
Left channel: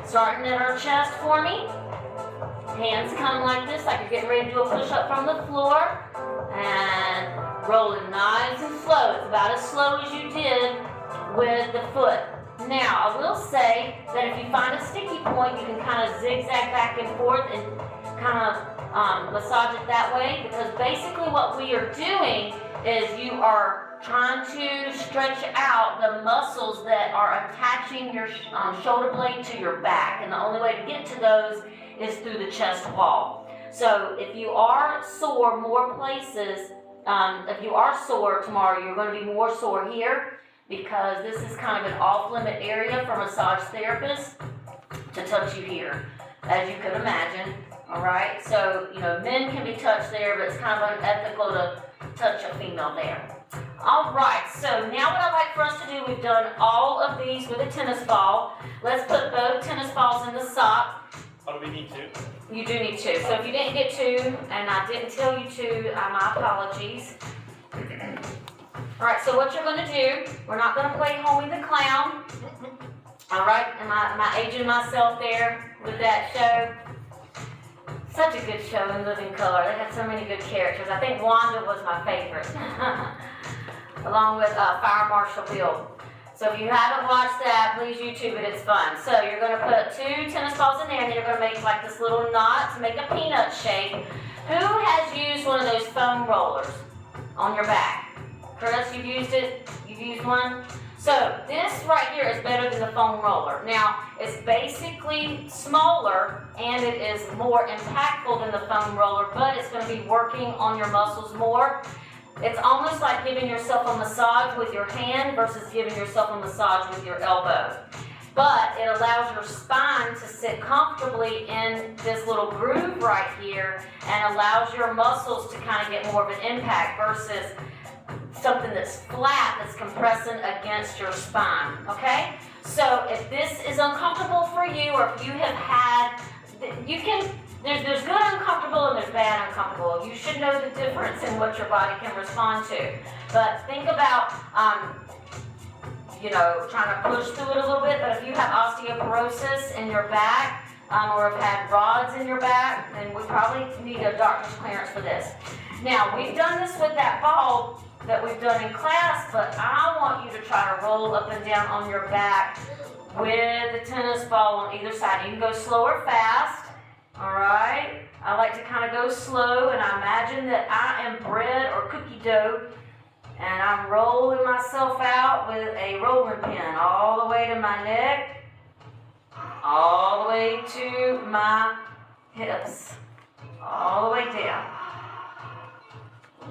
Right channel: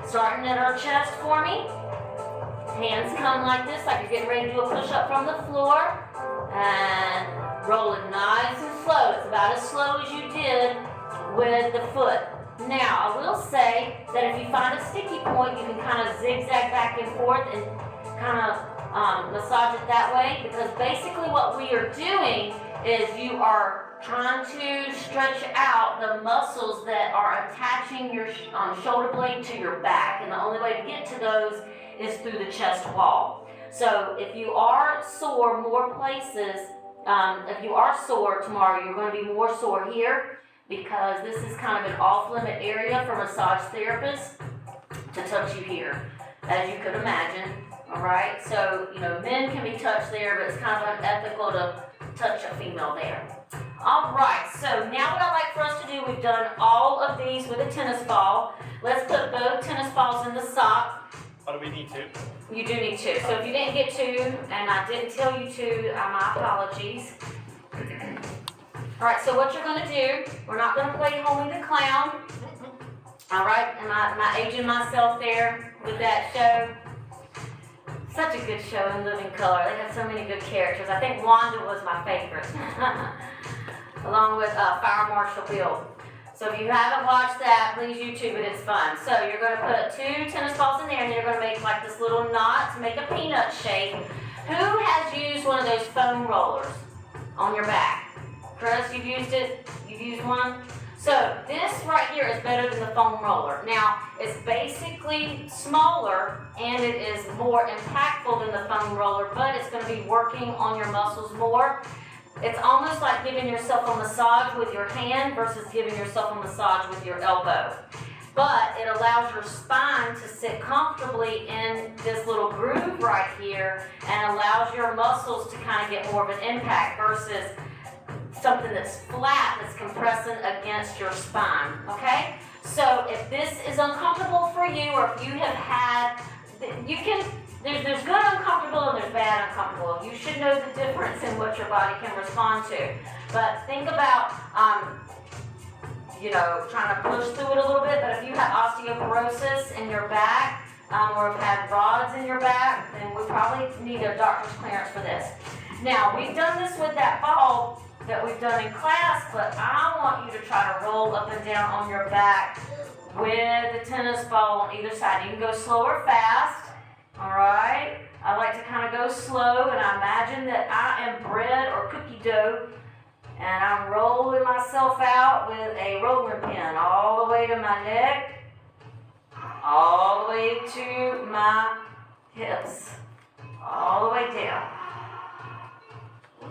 Starting at our chest for me. Hands come like this, like you're getting ready to do a push-up from the floor. And roll it nice and slow. It's about as slow as you did with the foot. Now, I will say that if you find a sticky point, you can kind of zigzag back and forth and kind of massage it that way, because basically what we are doing is you are trying to stretch out the muscles that are attaching your shoulder blade to your back, and the only way to get to those is through the chest wall. So if you are sore more places, if you are sore tomorrow, you're going to be more sore here, because this is kind of an off-limit area for massage therapists to touch you here, as you could imagine. All right, so men can be touched there, but it's kind of unethical to touch a female there. All right, so now what I'd like for us to do, we've done all of these with a tennis ball. Let's put both tennis balls in the sock. Oh, do we need 2? You do need 2. So if you didn't get 2, and I didn't tell you to, my apologies. All right, so what you're going to do, we're not going to play Homie the Clown. All right, am I aging myself there with that show? Such a good show in Living Color. They had so many good characters. I think Wanda was my favorite, along with Fire Marshal Bill. So if you haven't watched that, please YouTube it. It's fun. So you're going to put 2 tennis balls in there, and then you're going to make like this little knot to make a peanut shape. Who has used one of those foam rollers on your back? Chris, you've used it? You've used one? So this right here is better than the foam roller. Now, it's basically smaller and it is more impactful than the foam roller, but it's gonna be working on your muscles more. It's almost like giving yourself a massage with your hand versus giving yourself a massage with your elbow. But it allows your spine to sit comfortably in this little groove right here and allows your muscles to kind of get more of an impact versus something that's flat that's compressing against your spine, okay? So if this is uncomfortable for you, or if you have had, there's good uncomfortable and there's bad uncomfortable. You should know the difference in what your body can respond to. But think about, trying to push through it a little bit, but if you have osteoporosis in your back, or have had rods in your back, then we probably need a doctor's clearance for this. Now, we've done this with that ball that we've done in class, but I want you to try to roll up and down on your back with the tennis ball on either side. You can go slow or fast, all right? I like to kind of go slow, and I imagine that I am bread or cookie dough, and I'm rolling myself out with a rolling pin all the way to my neck, all the way to my hips, all the way down.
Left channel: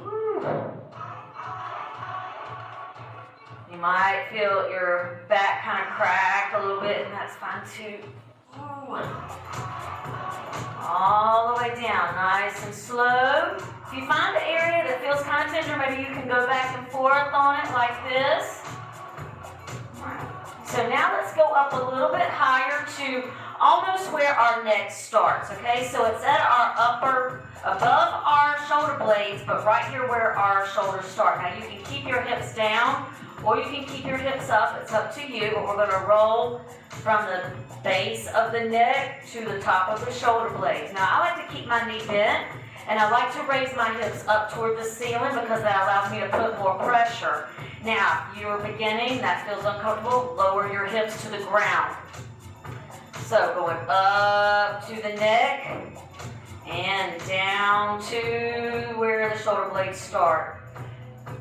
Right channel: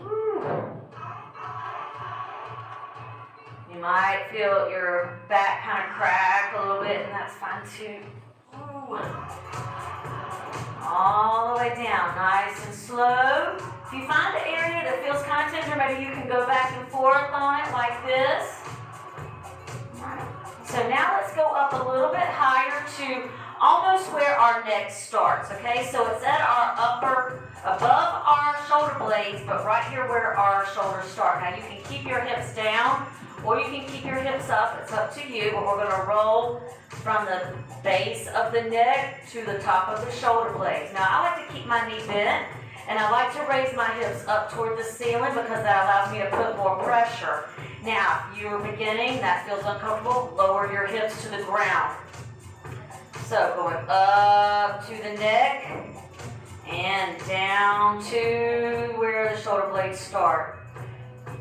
Woo. You might feel your back kind of crack a little bit, and that's fine too. Ooh. All the way down, nice and slow. If you find an area that feels kind of tender, maybe you can go back and forth on it like this. Right. So now let's go up a little bit higher to almost where our neck starts, okay? So it's at our above our shoulder blades, but right here where our shoulders start. Now you can keep your hips down, or you can keep your hips up. It's up to you, but we're gonna roll from the base of the neck to the top of the shoulder blades. Now I like to keep my knee bent, and I like to raise my hips up toward the ceiling because that allows me to put more pressure. Now, if you're beginning, that feels uncomfortable, lower your hips to the ground. So going up to the neck and down to where the shoulder blades start.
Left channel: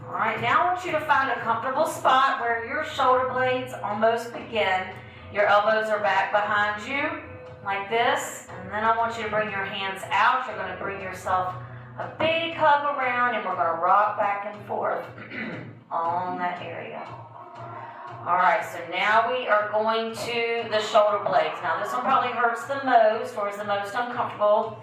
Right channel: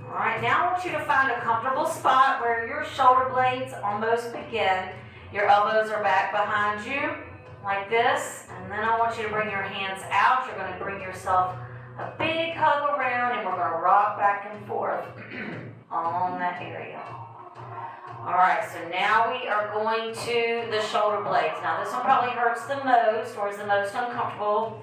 All right, now I want you to find a comfortable spot where your shoulder blades almost begin. Your elbows are back behind you like this, and then I want you to bring your hands out. You're going to bring yourself a big hug around, and we're going to rock back and forth on that area. All right, so now we are going to the shoulder blades. Now this one probably hurts the most, or is the most uncomfortable.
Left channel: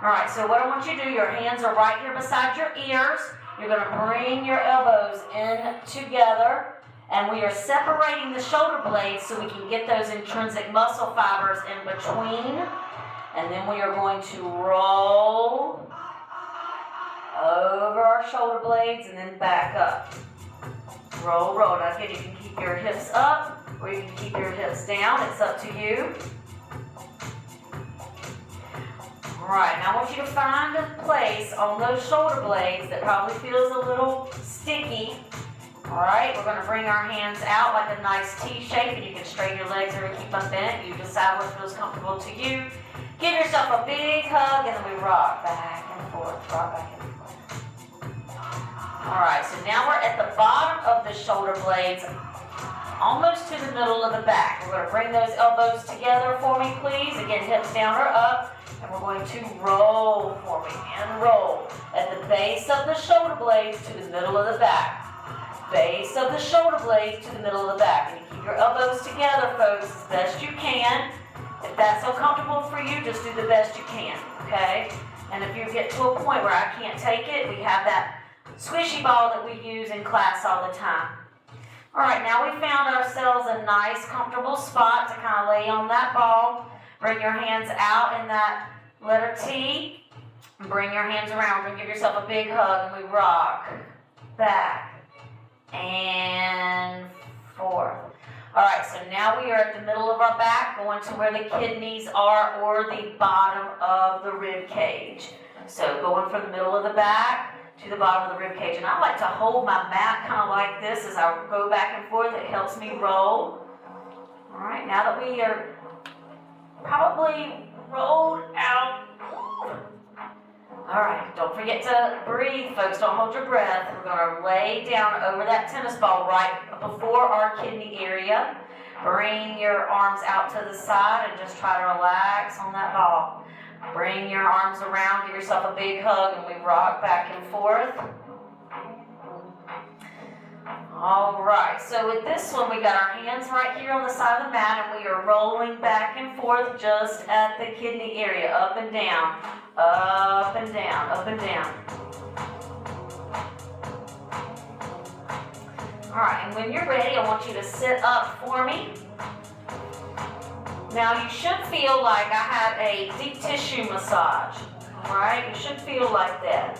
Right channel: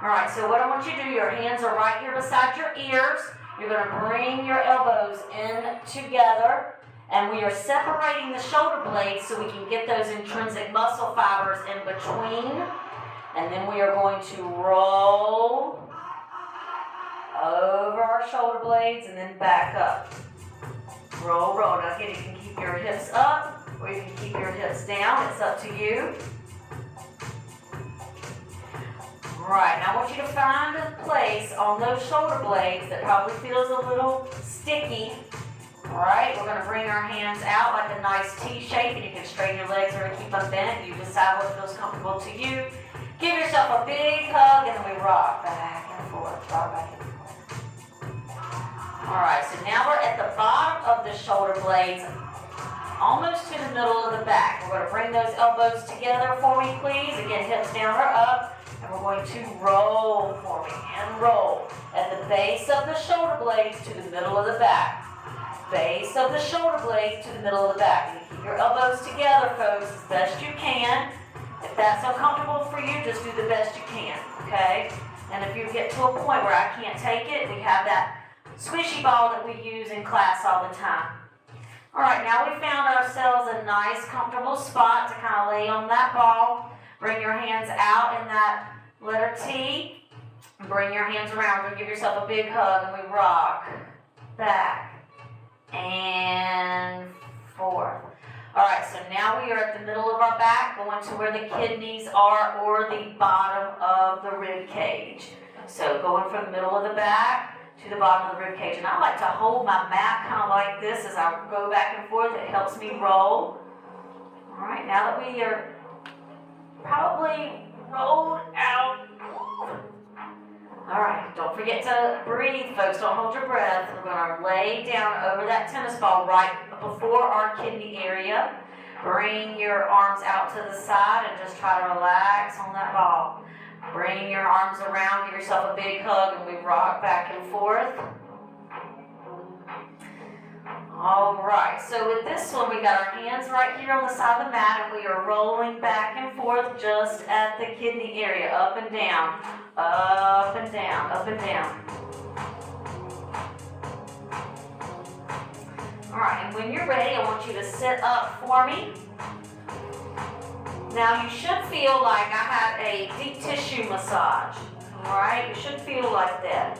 All right, so what I want you to do, your hands are right here beside your ears. You're going to bring your elbows in together, and we are separating the shoulder blades so we can get those intrinsic muscle fibers in between. And then we are going to roll over our shoulder blades and then back up. Roll, roll. Now again, you can keep your hips up or you can keep your hips down. It's up to you. All right, now I want you to find a place on those shoulder blades that probably feels a little sticky. All right, we're going to bring our hands out like a nice T shape, and you can straighten your legs or keep them bent. You decide what feels comfortable to you. Give yourself a big hug, and then we rock back and forth, rock back and forth. All right, so now we're at the bottom of the shoulder blades, almost to the middle of the back. We're going to bring those elbows together for me, please. Again, hips down or up. And we're going to roll for me and roll at the base of the shoulder blades to the middle of the back. Base of the shoulder blades to the middle of the back. And you keep your elbows together, folks, as best you can. If that's uncomfortable for you, just do the best you can, okay? And if you get to a point where I can't take it, we have that squishy ball that we use in class all the time. All right, now we found ourselves a nice, comfortable spot to kind of lay on that ball. Bring your hands out in that letter T. Bring your hands around and give yourself a big hug, and we rock back and forth. All right, so now we are at the middle of our back, going to where the kidneys are, or the bottom of the rib cage. So going from the middle of the back to the bottom of the rib cage. And I like to hold my mat kind of like this as I go back and forth. It helps me roll. All right, now that we are probably rolled out, All right, don't forget to breathe, folks. Don't hold your breath. We're going to lay down over that tennis ball right before our kidney area. Bring your arms out to the side and just try to relax on that ball. Bring your arms around, give yourself a big hug, and we rock back and forth. All right, so with this one, we got our hands right here on the side of the mat, and we are rolling back and forth just at the kidney area, up and down, up and down, up and down. All right, and when you're ready, I want you to sit up for me. Now, you should feel like I had a deep tissue massage, all right? You should feel like that.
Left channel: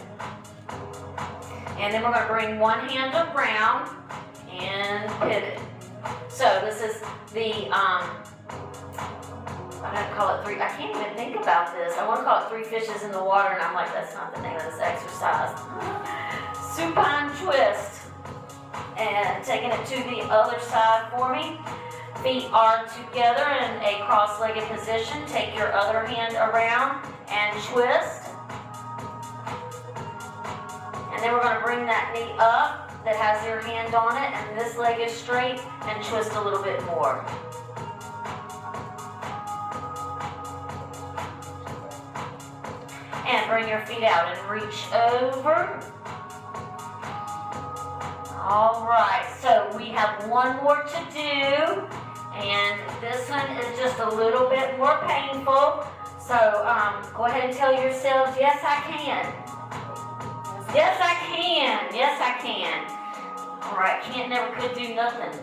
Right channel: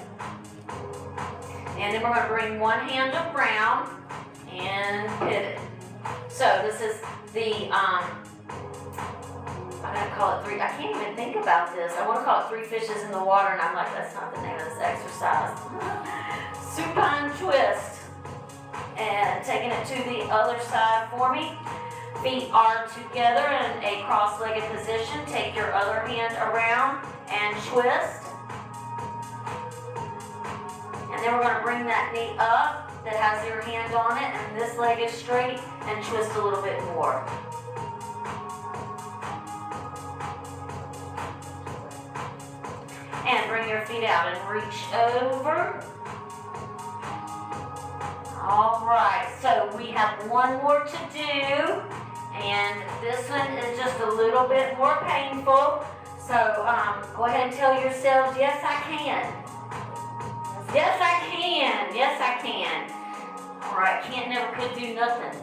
And then we're going to bring one hand around and pivot. So this is the, I'm going to call it I can't even think about this. I want to call it 3 fishes in the water, and I'm like, that's not the name of this exercise. Supine twist. And taking it to the other side for me. Feet are together in a cross-legged position. Take your other hand around and twist. And then we're going to bring that knee up that has your hand on it, and this leg is straight, and twist a little bit more. And bring your feet out and reach over. All right, so we have one more to do, and this one is just a little bit more painful. So go ahead and tell yourselves, yes, I can. Yes, I can. Yes, I can. All right, can't, never, could, do nothing.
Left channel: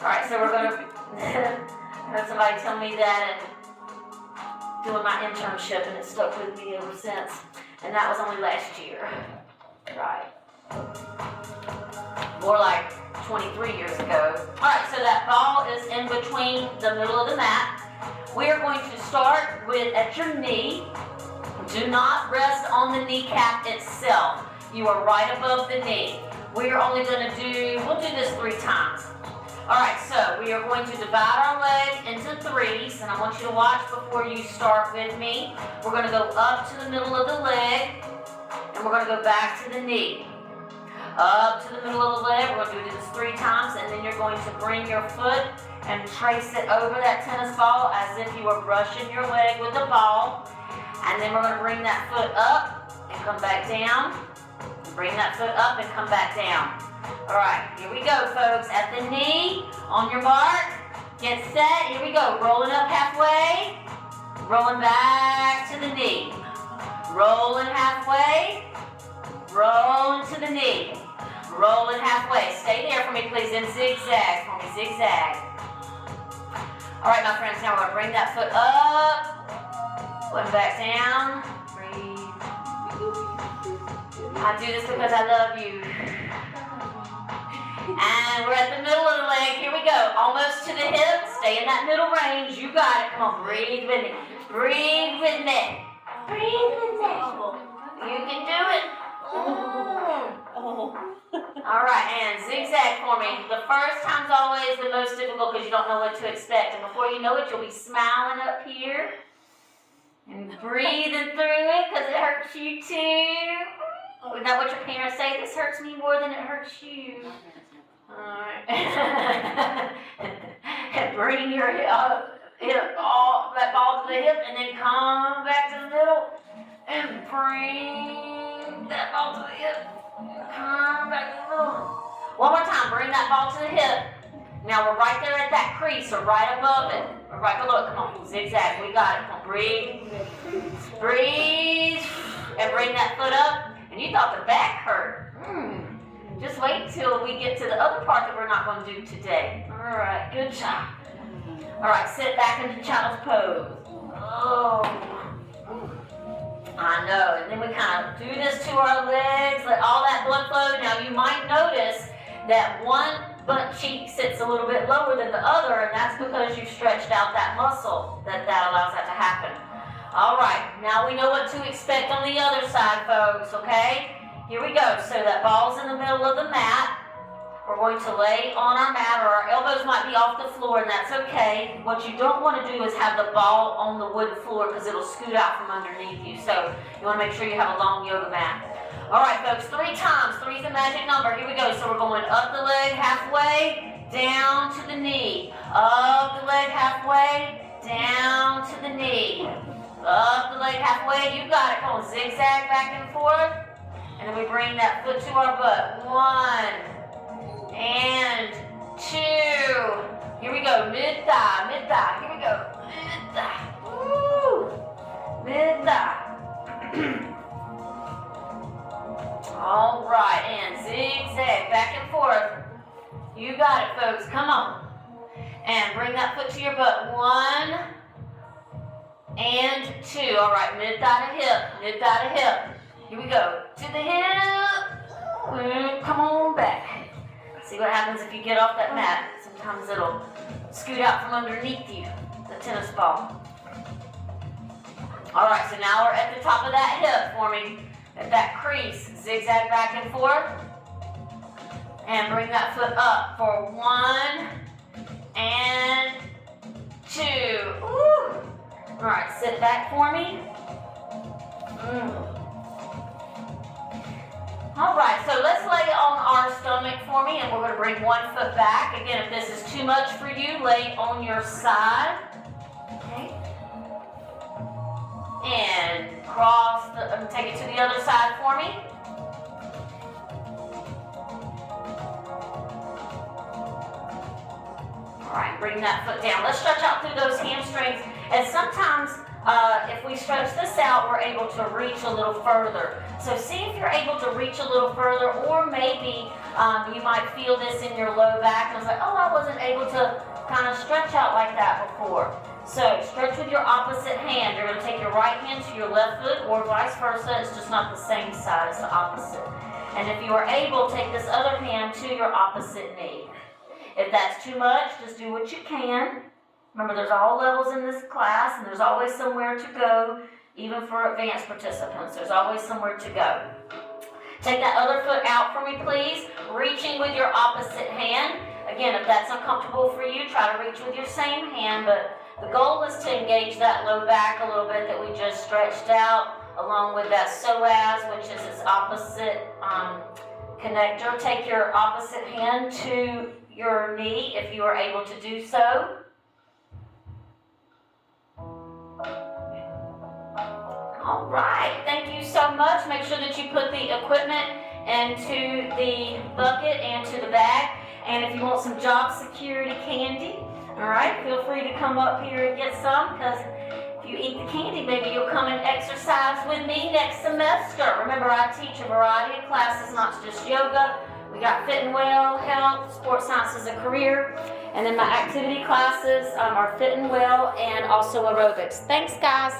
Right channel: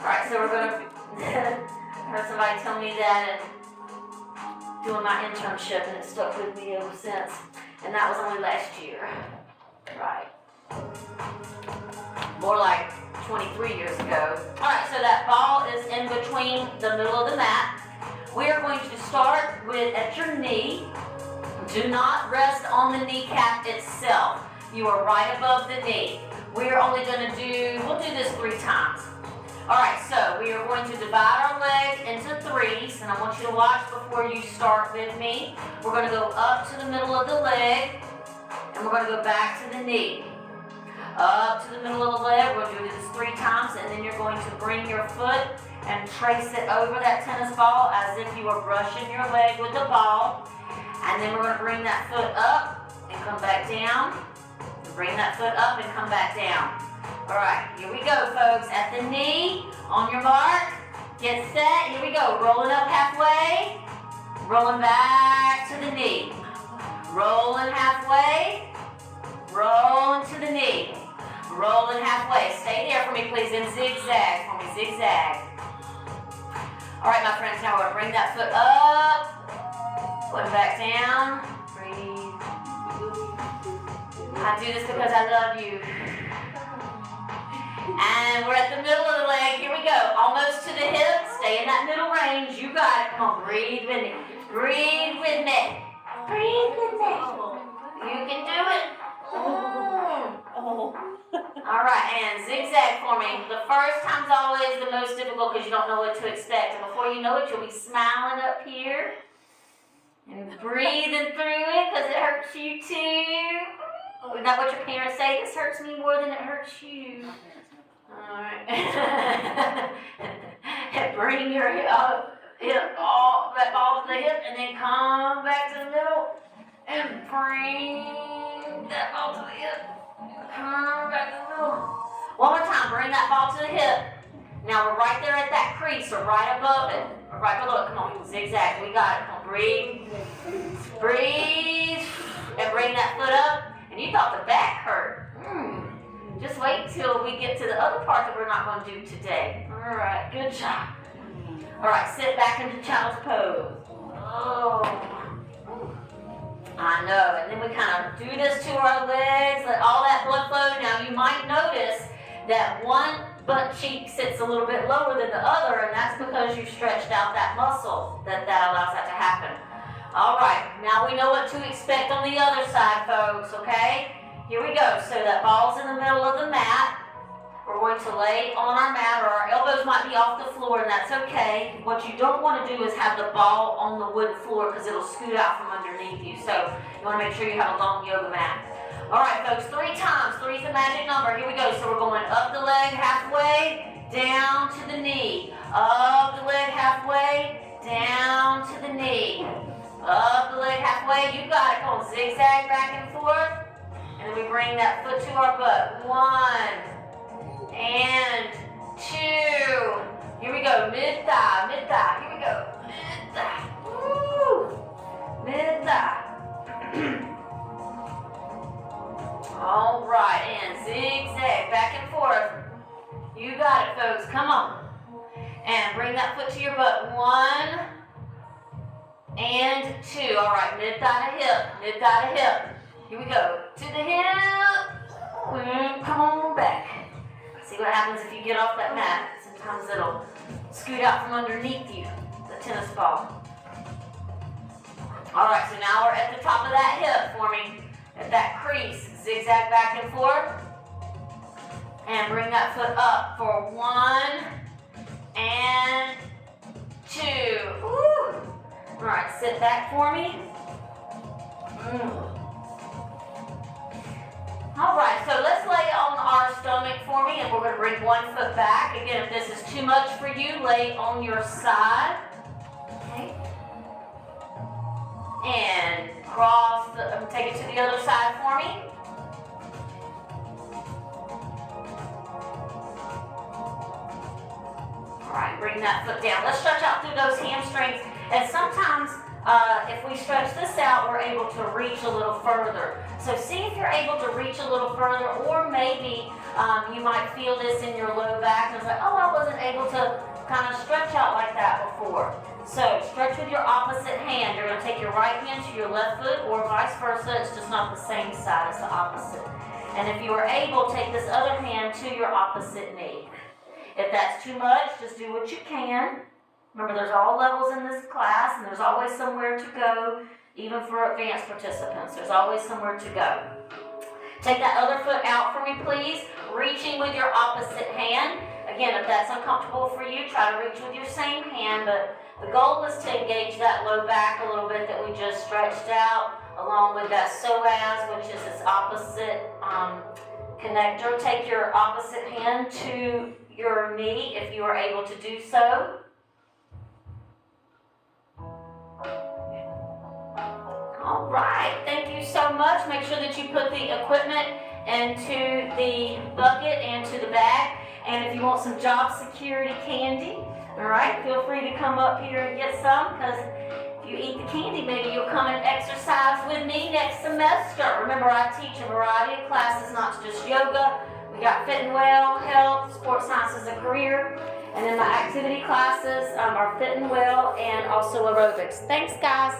All right, so we're gonna, I heard somebody tell me that and doing my internship, and it stuck with me ever since. And that was only last year. Right. More like 23 years ago. All right, so that ball is in between the middle of the mat. We are going to start with at your knee. Do not rest on the kneecap itself. You are right above the knee. We are only going to we'll do this 3 times. All right, so we are going to divide our leg into 3s, and I want you to watch before you start with me. We're going to go up to the middle of the leg, and we're going to go back to the knee. Up to the middle of the leg, we're going to do this 3 times, and then you're going to bring your foot and trace it over that tennis ball as if you were brushing your leg with the ball. And then we're going to bring that foot up and come back down. Bring that foot up and come back down. All right, here we go, folks. At the knee, on your mark, get set. Here we go. Rolling up halfway, rolling back to the knee. Rolling halfway, rolling to the knee. Rolling halfway. Stay there for me, please, and zigzag for me, zigzag. All right, my friends, now we're going to bring that foot up, foot back down. Breathe. I do this because I love you. And we're at the middle of the leg. Here we go. Almost to the hip. Stay in that middle range. You got it. Come on, breathe with me. Breathe with me. Breathe with me. You can do it. All right, and zigzag for me. The first time's always the most difficult because you don't know what to expect. And before you know it, you'll be smiling up here and breathing through it because it hurts you too. Is that what your parents say? This hurts me more than it hurts you. All right. And bring your hip all that ball to the hip, and then come back to the middle and bring that ball to the hip. Come back to the middle. One more time. Bring that ball to the hip. Now we're right there at that crease, or right above it, or right below it. Come on, zigzag. We got it. Come on, breathe. Breathe. And bring that foot up. And you thought the back hurt. Just wait until we get to the other part that we're not going to do today. All right, good job. All right, sit back into child's pose. Oh, I know. And then we kind of do this to our legs, let all that blood flow. Now you might notice that one butt cheek sits a little bit lower than the other, and that's because you've stretched out that muscle that allows that to happen. All right, now we know what to expect on the other side, folks, okay? Here we go. So that ball's in the middle of the mat. we're going to lay on our mat, or our elbows might be off the floor, and that's okay. What you don't want to do is have the ball on the wood floor because it'll scoot out from underneath you. So you want to make sure you have a long yoga mat. All right, folks, 3 times. 3 is the magic number. Here we go. So we're going up the leg halfway, down to the knee. Up the leg halfway, down to the knee. Up the leg halfway. You got it. Go on, zigzag back and forth. And then we bring that foot to our butt. 1 and 2. Here we go. Mid-thigh, mid-thigh. Here we go. Mid-thigh. Woo! Mid-thigh. All right, and zigzag back and forth. You got it, folks. Come on. And bring that foot to your butt. 1 and 2. All right, mid-thigh to hip, mid-thigh to hip. Here we go. To the hip. And come on back. See what happens if you get off that mat. Sometimes it'll scoot out from underneath you, the tennis ball. All right, so now we're at the top of that hip for me. At that crease, zigzag back and forth. And bring that foot up for 1 and 2. Woo. All right, sit back for me. All right, so let's lay on our stomach for me, and we're going to bring one foot back. Again, if this is too much for you, lay on your side. Okay. And cross, take it to the other side for me. All right, bring that foot down. Let's stretch out through those hamstrings. And sometimes if we stretch this out, we're able to reach a little further. So see if you're able to reach a little further, or maybe you might feel this in your low back and it's like, oh, I wasn't able to kind of stretch out like that before. So stretch with your opposite hand. You're going to take your right hand to your left foot, or vice versa. It's just not the same side, it's the opposite. And if you are able, take this other hand to your opposite knee. If that's too much, just do what you can. Remember, there's all levels in this class, and there's always somewhere to go, even for advanced participants. There's always somewhere to go. Take that other foot out for me, please. Reaching with your opposite hand. Again, if that's uncomfortable for you, try to reach with your same hand, but the goal is to engage that low back a little bit that we just stretched out, along with that psoas, which is its opposite connector. Take your opposite hand to your knee if you are able to do so. All right, thank you so much. Make sure that you put the equipment into the bucket and to the bag. And if you want some job security candy, all right, feel free to come up here and get some, because if you eat the candy, maybe you'll come and exercise with me next semester. Remember, I teach a variety of classes, not just yoga. We got fit and well, health, sports science as a career, and then the activity classes are fit and well and also aerobics. Thanks, guys.